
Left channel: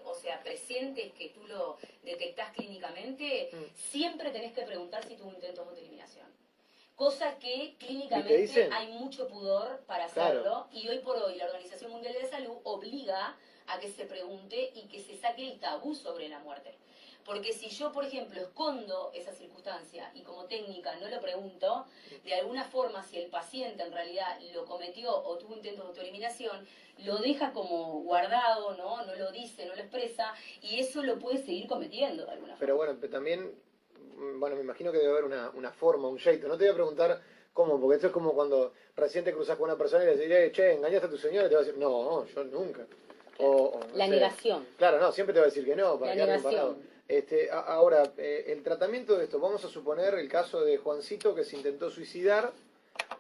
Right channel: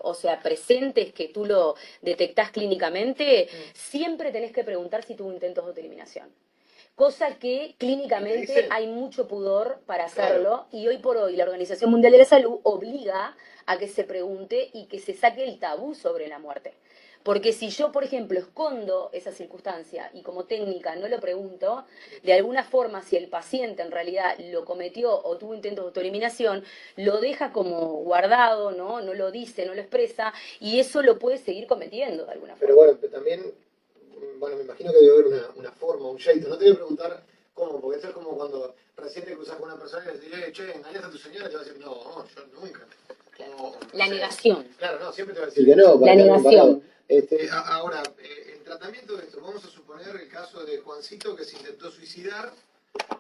o sea, presentes que tú lo detectás clínicamente, siempre tenés que preguntar si tuvo intentos de autoeliminación. Cosa que clínicamente hay mucho pudor para hacerlo, claro. Y hoy por hoy la Organización Mundial de la Salud obliga a que se pregunte y que se saque el tabú sobre la muerte. Porque si yo, por ejemplo, escondo esa circunstancia y como técnica no lo pregunto, de alguna forma, si el paciente en realidad lo cometió o tuvo intentos de autoeliminación, lo deja como guardado, ¿no? No lo dice, no lo expresa, y eso lo puede seguir cometiendo de alguna forma. Pero bueno, también, bueno, me imagino que debe haber una forma, un jeito. No te voy a preguntar cómo, porque esto es como cuando recién te cruzas con una persona y le decís, che, ¿engañaste a tu señora? Y te va a decir, no, yo nunca. La negación. Claro, no, siempre te va a decir que no. La negación. Ahora, el tratamiento de esto, vamos a suponer el caso de Juancito que se intentó suicidar,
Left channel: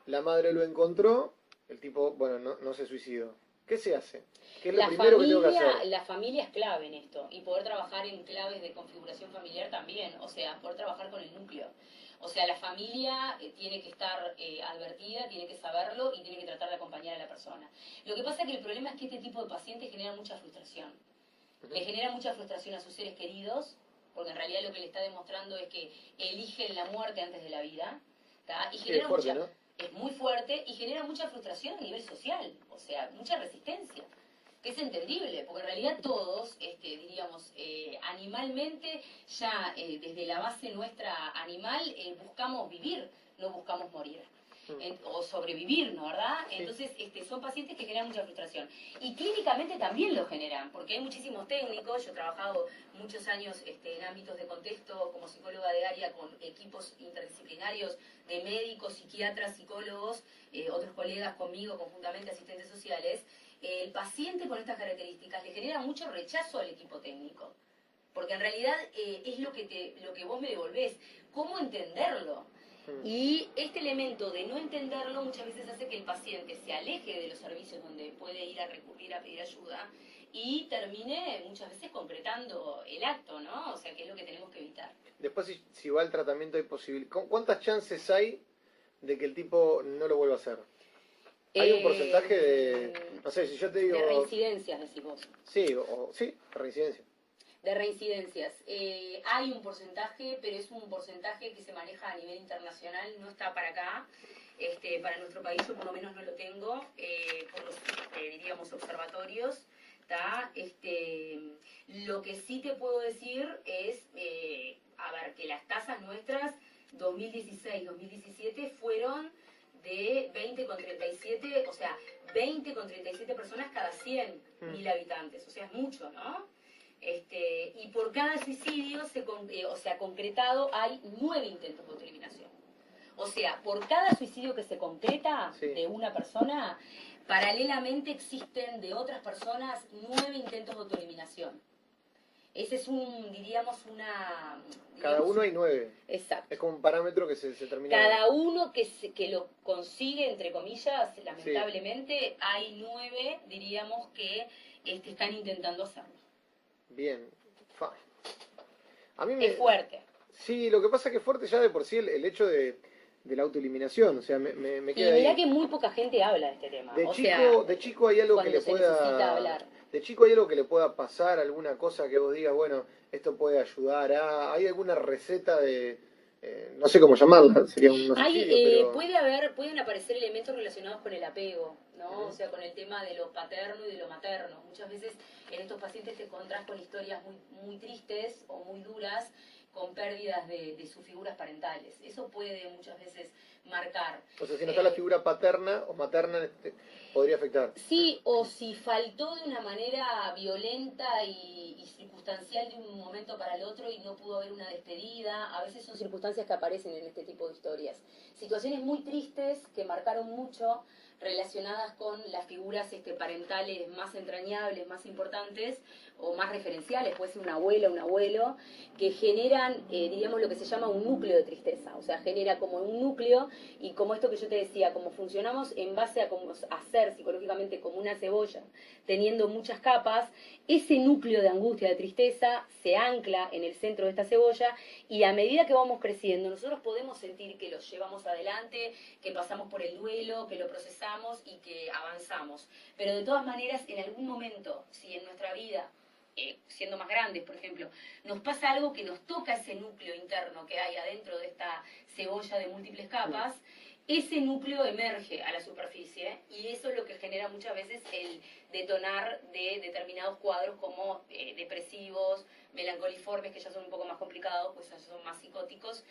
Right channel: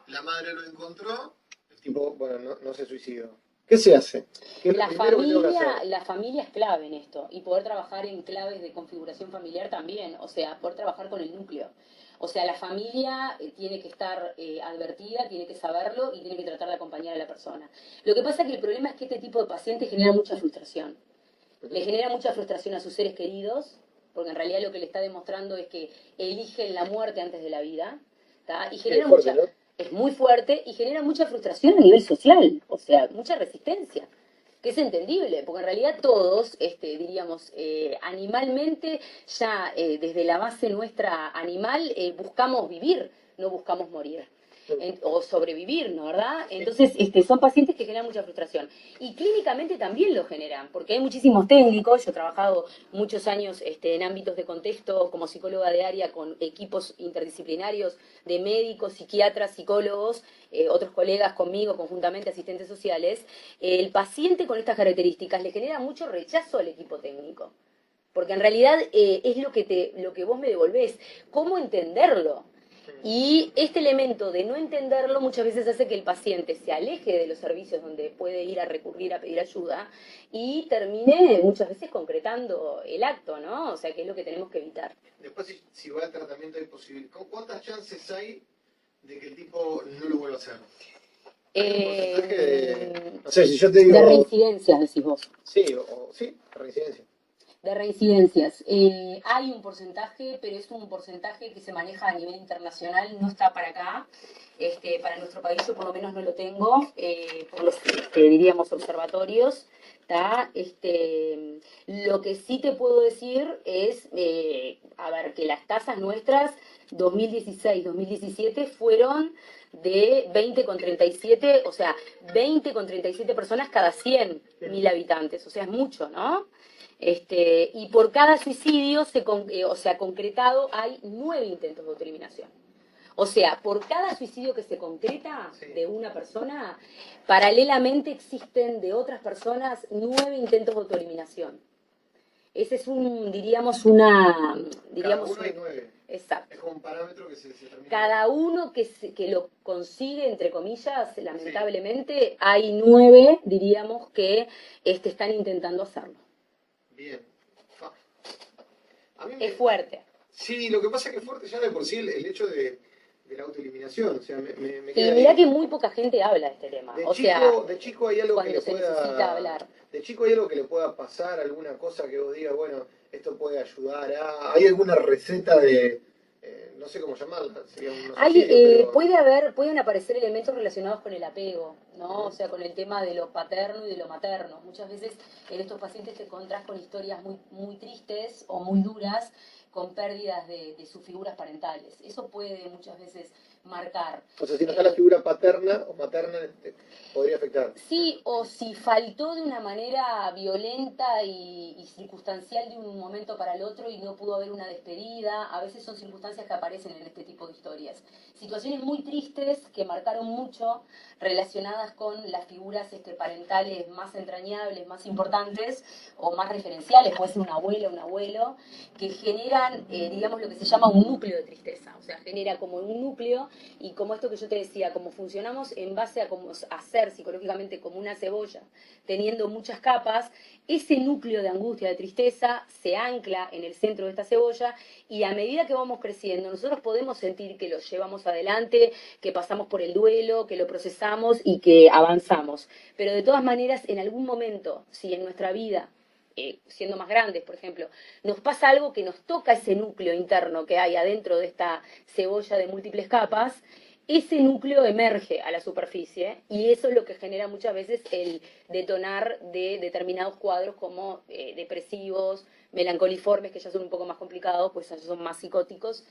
la madre lo encontró, el tipo, bueno, no se suicidó. ¿Qué se hace? ¿Qué es lo primero que tengo que hacer? La familia es clave en esto, y poder trabajar en claves de configuración familiar también, o sea, poder trabajar con el núcleo. O sea, la familia tiene que estar advertida, tiene que saberlo y tiene que tratar de acompañar a la persona. Lo que pasa es que el problema es que este tipo de pacientes genera mucha frustración. Le genera mucha frustración a sus seres queridos, porque en realidad lo que le está demostrando es que eligen la muerte antes de la vida, ¿tá? Y genera mucha... ¿no? Es muy fuerte y genera mucha frustración a nivel social, o sea, mucha resistencia, que es entendible, porque en realidad todos, diríamos, animalmente, ya desde la base nuestra animal, buscamos vivir, no buscamos morir. O sobrevivir, ¿no? ¿Verdad? Entonces, son pacientes que generan mucha frustración. Y clínicamente también lo generan, porque hay muchísimos técnicos. Yo he trabajado muchos años en ámbitos de contexto como psicóloga de área con equipos interdisciplinarios de médicos, psiquiatras, psicólogos, otros colegas conmigo, conjuntamente asistentes sociales. El paciente con estas características le genera mucho rechazo al equipo técnico. Porque en realidad es lo que vos me devolvés. ¿Cómo entenderlo? Y este elemento de no entenderlo muchas veces hace que el paciente se aleje de los servicios donde puede ir a recurrir a pedir ayuda y termine muchas veces concretando el acto, ¿no? O sea, que es lo que tenemos que evitar. Después, si va al tratamiento, hay posibilidad. ¿Cuántas chances hay de que el tipo no lo vuelva a hacer? Hay un porcentaje de... No sé, si yo te digo... De reincidencias, decís vos. Sí, sí, reincidencia. De reincidencias. Hay un porcentaje, pero es un porcentaje que se maneja a nivel internacional, no está para acá. Para nuestro país yo por lo menos no lo tengo, por los diríamos observatorios. Lo que sí te puedo decir es, a ver, que las tasas nuestras 2016-2017 fueron de 20,37, o sea, 20,37 personas cada 100.000 habitantes, o sea, es mucho, ¿no? Y por cada suicidio, concretado, hay 9 intentos de autoeliminación. O sea, por cada suicidio que se concreta Sí. de una persona, paralelamente existen de otras personas 9 intentos de autoeliminación. Ese es Cada uno hay 9. Exacto. Es como un parámetro que se termina. Cada uno que lo consigue, entre comillas, lamentablemente, hay 9, diríamos, que están intentando hacerlo. Bien. A mí Es fuerte. Sí, lo que pasa es que es fuerte ya de por sí el hecho de la autoeliminación. O sea, me Y queda mirá ahí. que muy poca gente habla de este tema. De chico hay algo que le necesita hablar. De chico hay algo que le pueda pasar, alguna cosa que vos digas, bueno, esto puede ayudar a... ¿Hay alguna receta de... no sé cómo llamarla, sería un suicidio, pero... Pueden aparecer elementos relacionados con el apego, ¿no? O sea, con el tema de lo paterno y de lo materno. Muchas veces en estos pacientes te encontrás con historias muy, muy tristes o muy duras, con pérdidas de sus figuras parentales. Eso puede muchas veces marcar. O sea, si no está la figura paterna o materna, podría afectar. Sí, o si faltó de una manera violenta y circunstancial de un momento para el otro y no pudo haber una despedida. A veces son circunstancias que aparecen en este tipo de historias. Situaciones muy tristes que marcaron mucho, relacionadas con las figuras parentales más entrañables, más importantes o más referenciales, puede ser una abuela, un abuelo, que generan, digamos, lo que se llama un núcleo de tristeza. O sea, genera como un núcleo, y como esto que yo te decía, como funcionamos en base a cómo hacer psicológicamente como una cebolla, teniendo muchas capas, ese núcleo de angustia, de tristeza, se ancla en el centro de esta cebolla, y a medida que vamos creciendo, nosotros podemos sentir que lo llevamos adelante, que pasamos por el duelo, que lo procesamos y que avanzamos. Pero de todas maneras, en algún momento, si en nuestra vida, siendo más grandes, por ejemplo, nos pasa algo que nos toca ese núcleo interno que hay adentro de esta cebolla de múltiples capas, ese núcleo emerge a la superficie, y eso es lo que genera muchas veces el detonar de determinados cuadros como depresivos, melancoliformes, que ya son un poco más complicados, pues ya son más psicóticos,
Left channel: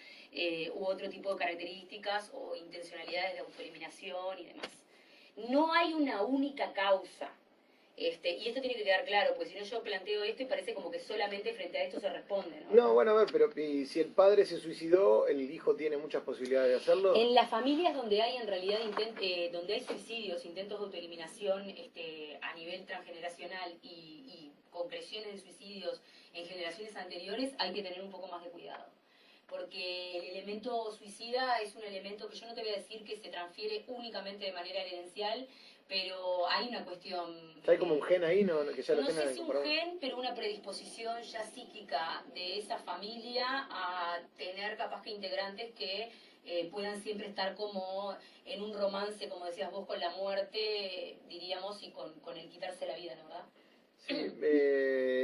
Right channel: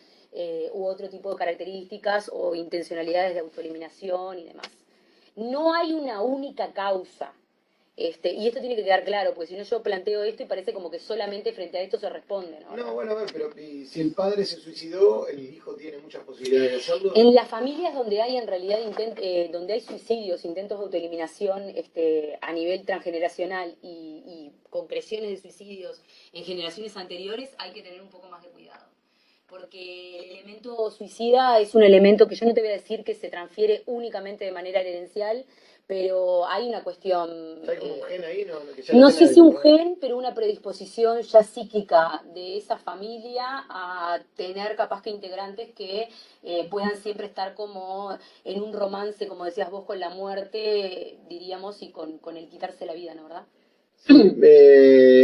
u otro tipo de características o intencionalidades de autoeliminación y demás. No hay una única causa. Y esto tiene que quedar claro, porque si no yo planteo esto y parece como que solamente frente a esto se responde, ¿no? No, bueno, a ver, pero si el padre se suicidó, el hijo tiene muchas posibilidades de hacerlo. En las familias donde hay en realidad donde hay suicidios, intentos de autoeliminación a nivel transgeneracional y concreciones de suicidios en generaciones anteriores, hay que tener un poco más de cuidado. Porque el elemento suicida es un elemento que yo no te voy a decir que se transfiere únicamente de manera herencial, pero hay una cuestión... ¿Hay como un gen ahí? No sé si un gen, pero una predisposición ya psíquica de esa familia a tener capaz que integrantes que puedan siempre estar como en un romance, como decías vos, con la muerte, diríamos, y con el quitarse la vida, ¿no, verdad? Sí,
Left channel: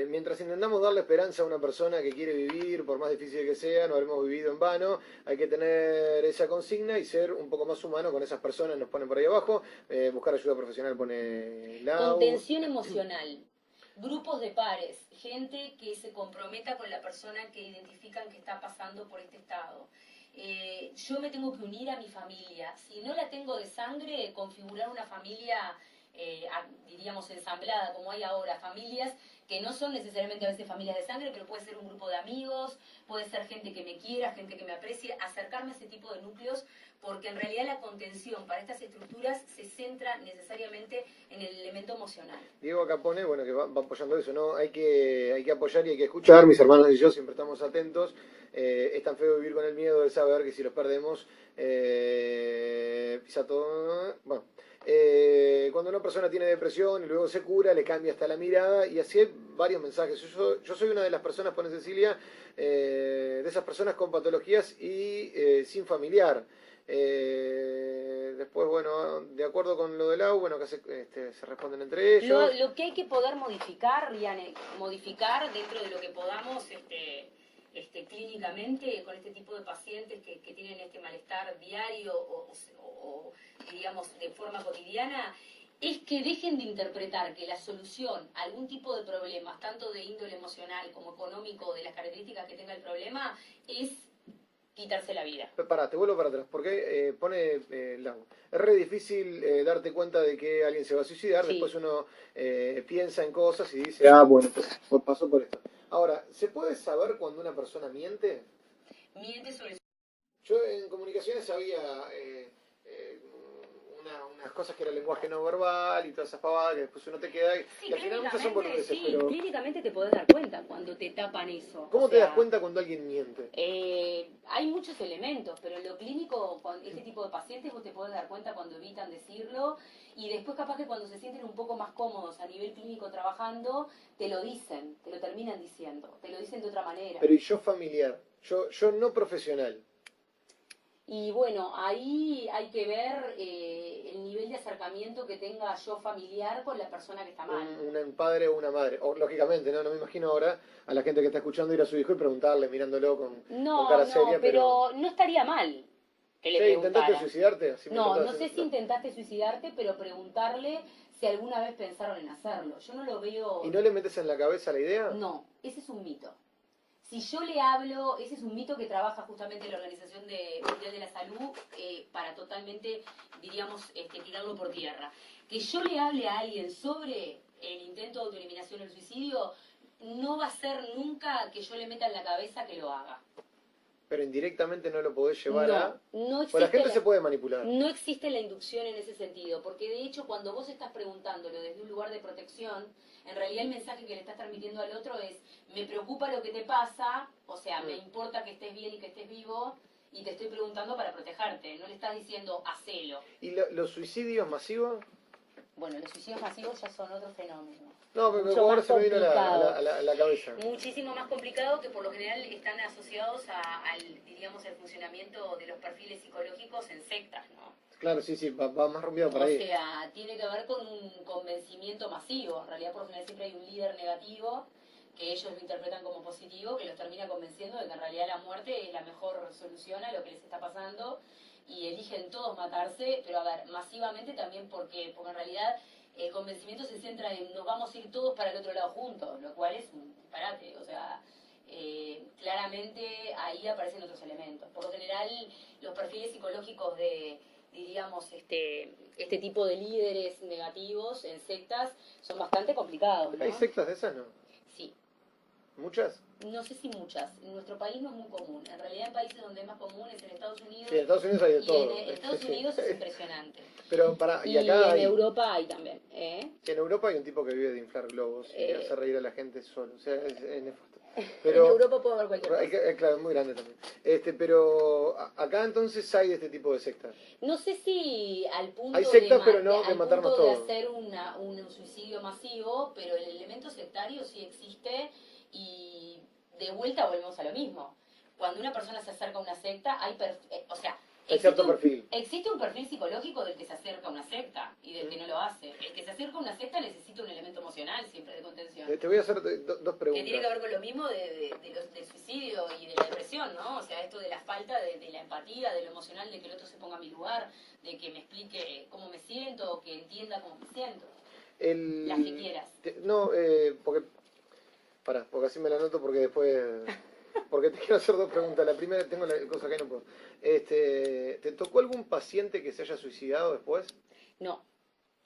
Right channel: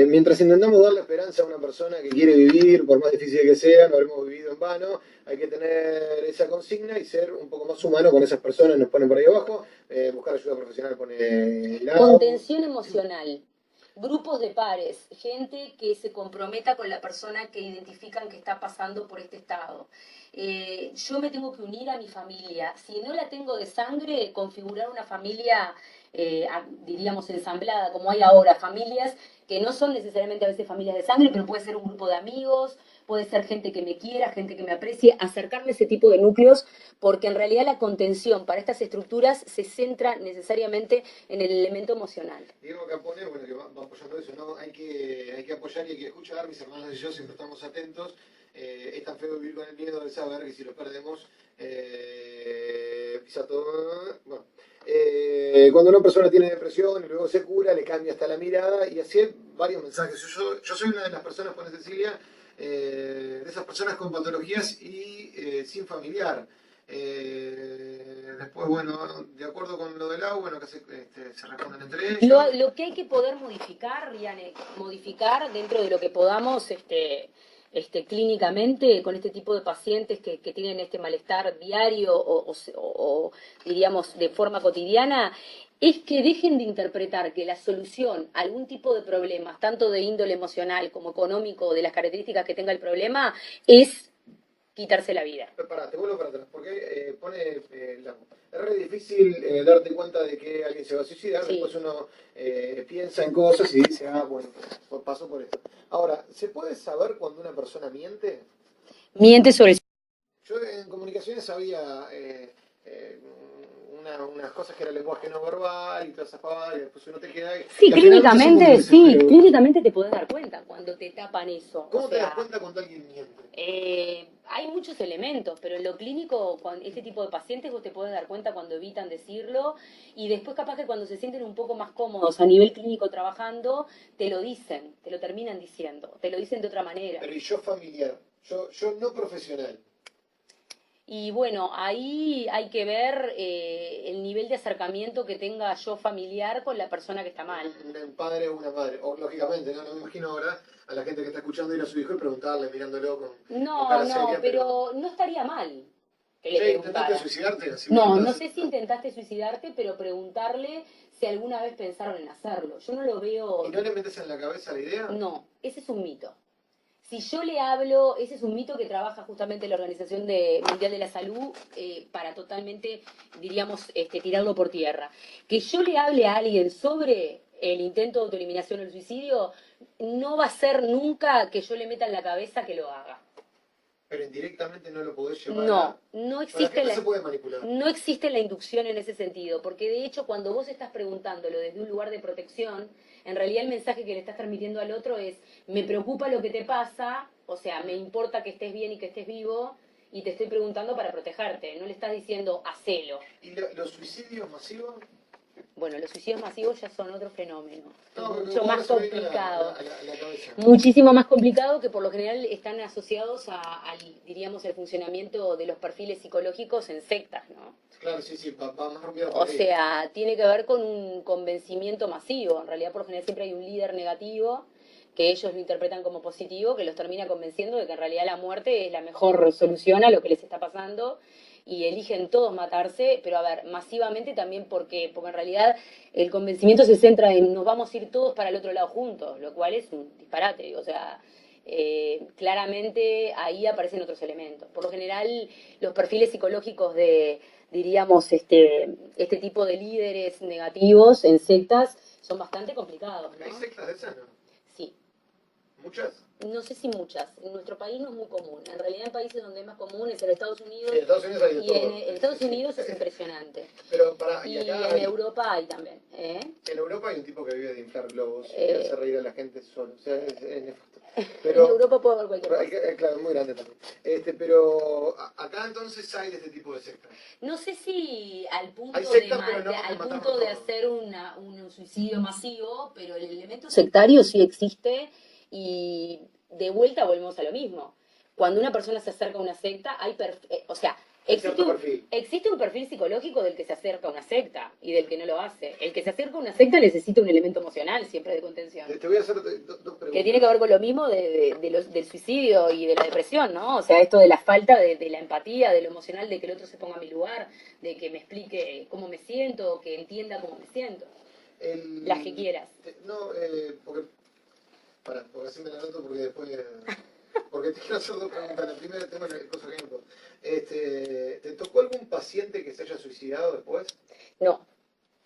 mientras intentamos darle esperanza a una persona que quiere vivir, por más difícil que sea, no habremos vivido en vano, hay que tener esa consigna y ser un poco más humano con esas personas, nos ponen por ahí abajo, buscar ayuda profesional, pone contención emocional, grupos de pares, gente que se comprometa con la persona que identifican que está pasando por este estado. Yo me tengo que unir a mi familia, si no la tengo de sangre, configurar una familia diríamos ensamblada, como hay ahora, familias que no son necesariamente a veces familias de sangre, pero puede ser un grupo de amigos, puede ser gente que me quiera, gente que me aprecie, acercarme a ese tipo de núcleos, porque en realidad la contención para estas estructuras se centra necesariamente en el elemento emocional. Diego acá pone, bueno, que va apoyando eso, ¿no? Hay que apoyar y hay que escuchar, mis hermanos y yo siempre estamos atentos. Es tan feo vivir con el miedo de saber que si los perdemos, ya todo... Bueno. Cuando una persona tiene depresión y luego se cura, le cambia hasta la mirada, y así hay varios mensajes. Yo soy una de las personas, pone Cecilia, de esas personas con patologías y sin familiar. Después, bueno, de acuerdo con lo del agua, bueno, acá se responden entre ellos. Lo que hay que poder modificar, Riane, modificar dentro de lo que podamos clínicamente con este tipo de pacientes que tienen este malestar diario o diríamos de forma cotidiana, es que dejen de interpretar que la solución a algún tipo de problemas, tanto de índole emocional como económico o de las características que tenga el problema, es quitarse la vida. Pará, te vuelvo para atrás, porque pone Lago. Es re difícil darte cuenta de que alguien se va a suicidar, sí. Después uno piensa en cosas y dice, bueno, pues pasó por esto. Ahora, ¿se puede saber cuando una persona miente? Miente sobre Yo en comunicaciones había unas cosas que era lenguaje no verbal y todas esas pavadas, y después uno te queda Sí, que al final muchos son boludeces, pero clínicamente te podés dar cuenta cuando te tapan eso. O ¿cómo te das sea, cuenta cuando alguien miente? hay muchos elementos, pero en lo clínico, este tipo de pacientes vos te podés dar cuenta cuando evitan decirlo y después capaz que cuando se sienten un poco más cómodos a nivel clínico trabajando, te lo dicen, te lo terminan diciendo, te lo dicen de otra manera. Pero y yo familiar, yo no profesional. Y bueno, ahí hay que ver el nivel de acercamiento que tenga yo familiar con la persona que está mal. Un padre o una madre. O, lógicamente, ¿no? No me imagino ahora a la gente que está escuchando ir a su hijo y preguntarle, mirándolo con No, cara no, seria, pero no estaría mal que le che, ¿intentaste preguntara. suicidarte? Así me No, lo no estás sé si haciendo. intentaste suicidarte, pero preguntarle si alguna vez pensaron en hacerlo. Yo no lo veo. ¿Y no le metes en la cabeza la idea? No, ese es un mito. Si yo le hablo, ese es un mito que trabaja justamente la Organización Mundial de la Salud para totalmente, diríamos, tirarlo por tierra. Que yo le hable a alguien sobre el intento de autoeliminación o el suicidio, no va a ser nunca que yo le meta en la cabeza que lo haga. Pero indirectamente no lo podés llevar No, a... no Pues la existe gente se puede manipular. no existe la inducción en ese sentido, porque de hecho cuando vos estás preguntándolo desde un lugar de protección, en realidad el mensaje que le estás transmitiendo al otro es, me preocupa lo que te pasa, o sea, me importa que estés bien y que estés vivo, y te estoy preguntando para protegerte, no le estás diciendo, hacelo. ¿Y los suicidios masivos? Bueno, los suicidios masivos ya son otro fenómeno, No, pero mucho ahora más se me viene complicado. a la cabeza. Muchísimo más complicado que por lo general están asociados al, diríamos, el funcionamiento de los perfiles psicológicos en sectas, ¿no? Claro, sí, sí, va más rompido por O ahí. sea, tiene que ver con un convencimiento masivo. En realidad, por lo general, siempre hay un líder negativo que ellos lo interpretan como positivo, que los termina convenciendo de que en realidad la muerte es la mejor solución a lo que les está pasando y eligen todos matarse, pero a ver, masivamente también porque en realidad el convencimiento se centra en nos vamos a ir todos para el otro lado juntos, lo cual es un disparate, o sea, claramente ahí aparecen otros elementos. Por lo general, los perfiles psicológicos de, diríamos, este tipo de líderes negativos en sectas son bastante complicados, ¿Hay ¿no? sectas de esas, no? Sí. ¿Muchas? No sé si muchas. En nuestro país no es muy común. En realidad en países donde es más común es en Estados Unidos. Sí, en Estados Unidos hay de Y todo. en Estados Sí, Unidos sí. es impresionante. Pero y Y acá en hay... Europa hay también. En Europa hay un tipo que vive de inflar globos y Eh, hacer reír a la gente solo. O sea, es nefasto. En Pero, Europa puede haber cualquier cosa. claro, es muy grande también. Pero acá entonces hay de este tipo de sectas. No sé si al punto, Hay sectas, pero no de al matarnos punto de todos. hacer un suicidio masivo, pero el elemento sectario sí existe y de vuelta volvemos a lo mismo. Cuando una persona se acerca a una secta, o sea, Hay cierto perfil. existe un perfil psicológico del que se acerca a una secta y del que no lo hace. El que se acerca a una secta necesita un elemento emocional siempre de contención. Te voy a hacer dos preguntas. Que tiene que ver con lo mismo del suicidio y de la depresión, ¿no? O sea, esto de la falta de la empatía, de lo emocional, de que el otro se ponga a mi lugar, de que me explique cómo me siento, que entienda cómo me siento. Las que quieras. No, porque así me la anoto porque después... Porque te quiero hacer dos preguntas. La primera, tengo una cosa que no puedo. ¿Te tocó algún paciente que se haya suicidado después? No,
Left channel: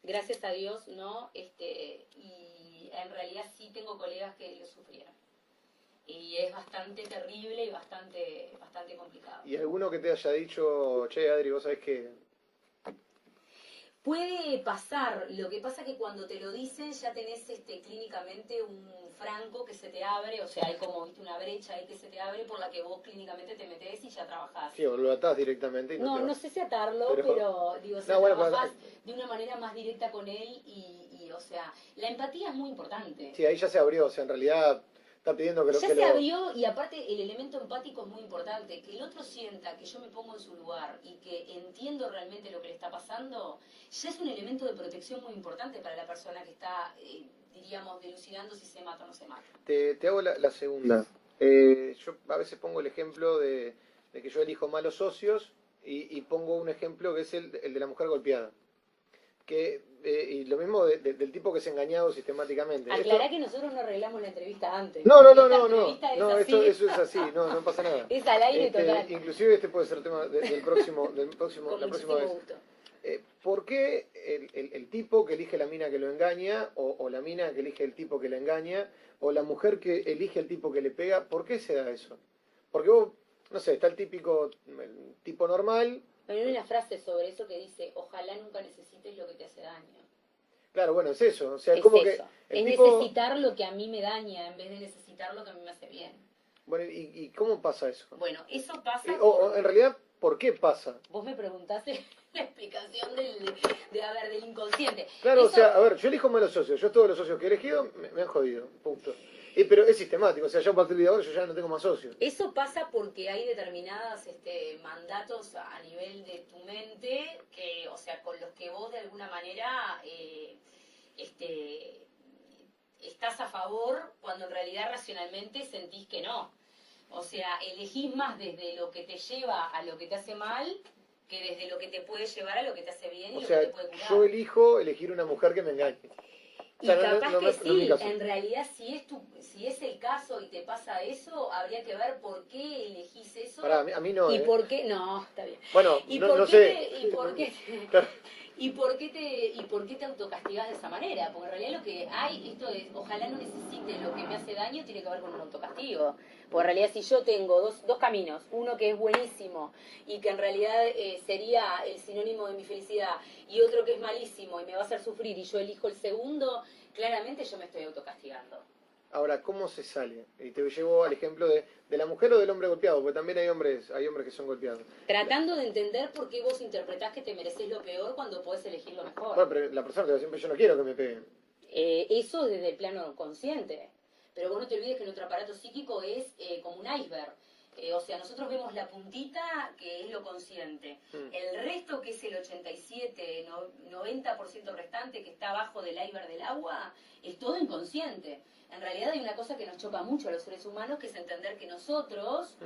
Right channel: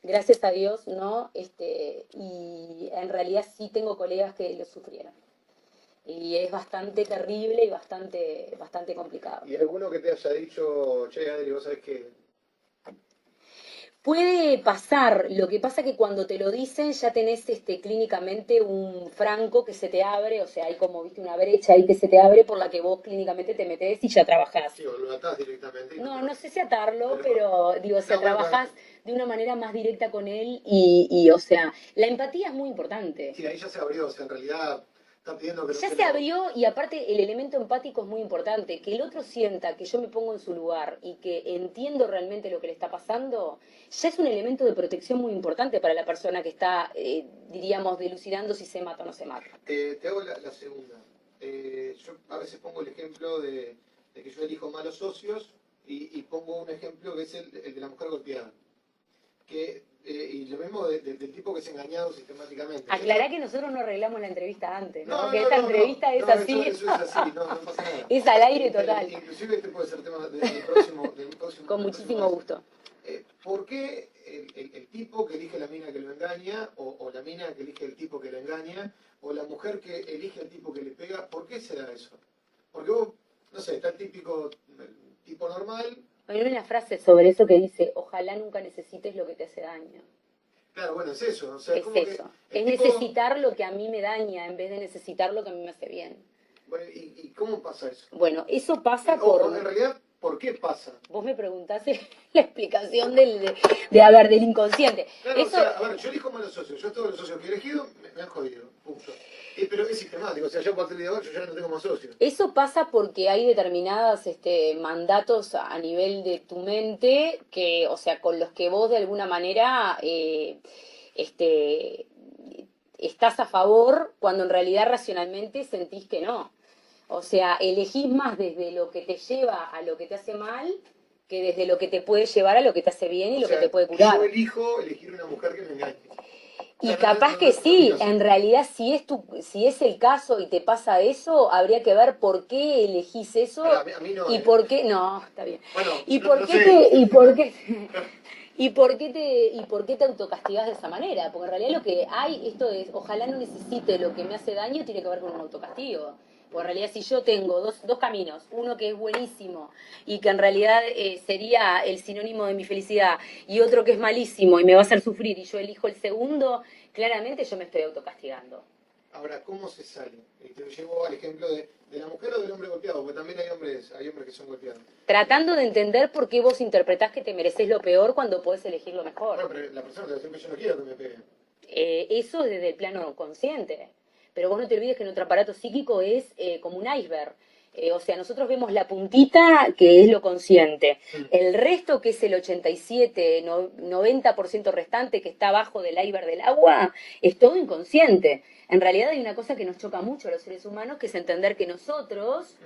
gracias a Dios, no. Y en realidad sí tengo colegas que lo sufrieron. Y es bastante terrible y bastante complicado. ¿Y alguno que te haya dicho, che, Adri, vos sabés que... Puede pasar, lo que pasa que cuando te lo dicen ya tenés clínicamente un franco que se te abre, o sea, hay como, viste, una brecha ahí que se te abre por la que vos clínicamente te metés y ya trabajás. Sí, o lo atás directamente. No sé si atarlo, pero digo, o sea, No, bueno, trabajás de una manera más directa con él o sea, la empatía es muy importante. Sí, ahí ya se abrió, o sea, en realidad está pidiendo que Ya se abrió y aparte el elemento empático es muy importante, que el otro sienta que yo me pongo en su lugar y que entiendo realmente lo que le está pasando, ya es un elemento de protección muy importante para la persona que está, diríamos, delucidando si se mata o no se mata. Te hago la segunda. Yo a veces pongo el ejemplo de que yo elijo malos socios y pongo un ejemplo que es el de la mujer golpeada. Y lo mismo del tipo que es engañado sistemáticamente. Aclará que nosotros no arreglamos la entrevista antes. No, Esta entrevista es así. Eso es así, no pasa nada. Es al aire total. Inclusive este puede ser tema del próximo. Con muchísimo gusto. ¿Por qué el tipo que elige la mina que lo engaña, o la mina que elige el tipo que la engaña, o la mujer que elige el tipo que le pega, por qué se da eso? Porque vos, no sé, está el típico tipo normal. Hay una frase sobre eso que dice, ojalá nunca necesites lo que te hace daño. Claro, bueno, es eso. O sea, es Es como que eso. el Es tipo. necesitar lo que a mí me daña en vez de necesitar lo que a mí me hace bien. Bueno, ¿y cómo pasa eso? Bueno, eso pasa O en por... realidad, ¿por qué pasa? Vos me preguntaste la explicación del inconsciente. Claro, o Eso, sea, a ver, yo elijo malos socios. Yo todos los socios que he elegido me han jodido. Punto. Pero es sistemático. O sea, yo a partir de ahora yo ya no tengo más socios. eso pasa porque hay determinadas mandatos a nivel de tu mente que, o sea, con los que vos de alguna manera este, estás a favor cuando en realidad racionalmente sentís que no. O sea, elegís más desde lo que te lleva a lo que te hace mal que desde lo que te puede llevar a lo que te hace bien y O lo sea, que te puede curar. yo elijo elegir una mujer que me engañe. O Y sea, capaz que no es mi sí, caso. en realidad si es el caso y te pasa eso, habría que ver por qué elegís eso Pará, a mí no, y ¿eh? por qué, no, está bien. Bueno, Y no, por no qué sé. y por qué te autocastigás de esa manera, porque en realidad lo que hay, esto de ojalá no necesite lo que me hace daño, tiene que ver con un autocastigo. Porque en realidad si yo tengo dos caminos, uno que es buenísimo y que en realidad sería el sinónimo de mi felicidad, y otro que es malísimo y me va a hacer sufrir, y yo elijo el segundo, claramente yo me estoy autocastigando. Ahora, ¿cómo se sale? Y te llevo al ejemplo de la mujer o del hombre golpeado, porque también hay hombres que son golpeados. Tratando de entender por qué vos interpretás que te mereces lo peor cuando podés elegir lo mejor. Bueno, pero la persona te va a decir, siempre yo no quiero que me peguen. Eso es desde el plano consciente. Pero vos no te olvides que nuestro aparato psíquico es como un iceberg. O sea, nosotros vemos la puntita que es lo consciente. El resto, que es el 87, 90% restante que está abajo del iceberg del agua, es todo inconsciente. En realidad hay una cosa que nos choca mucho a los seres humanos, que es entender que nosotros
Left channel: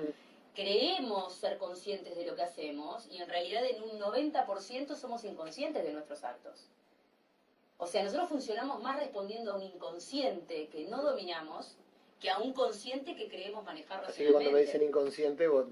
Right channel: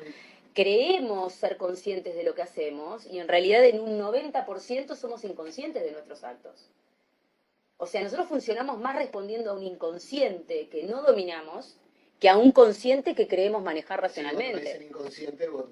creemos ser conscientes de lo que hacemos y en realidad en un 90% somos inconscientes de nuestros actos. O sea, nosotros funcionamos más respondiendo a un inconsciente que no dominamos que a un consciente que creemos manejar Así que cuando me racionalmente. dicen inconsciente, vos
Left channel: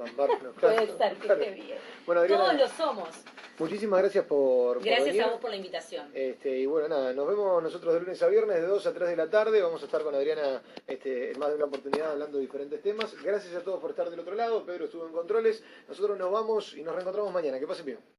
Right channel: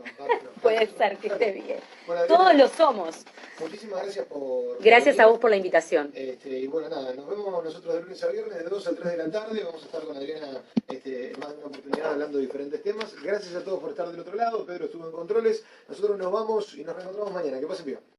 Puede ser que esté bien. Bueno, Adriana, Todos lo somos. muchísimas gracias por Gracias venir. a vos por la invitación. Y bueno, nada, nos vemos nosotros de lunes a viernes de 2 a 3 de la tarde. Vamos a estar con Adriana en más de una oportunidad hablando de diferentes temas. Gracias a todos por estar del otro lado. Pedro estuvo en controles. Nosotros nos vamos y nos reencontramos mañana. Que pasen bien.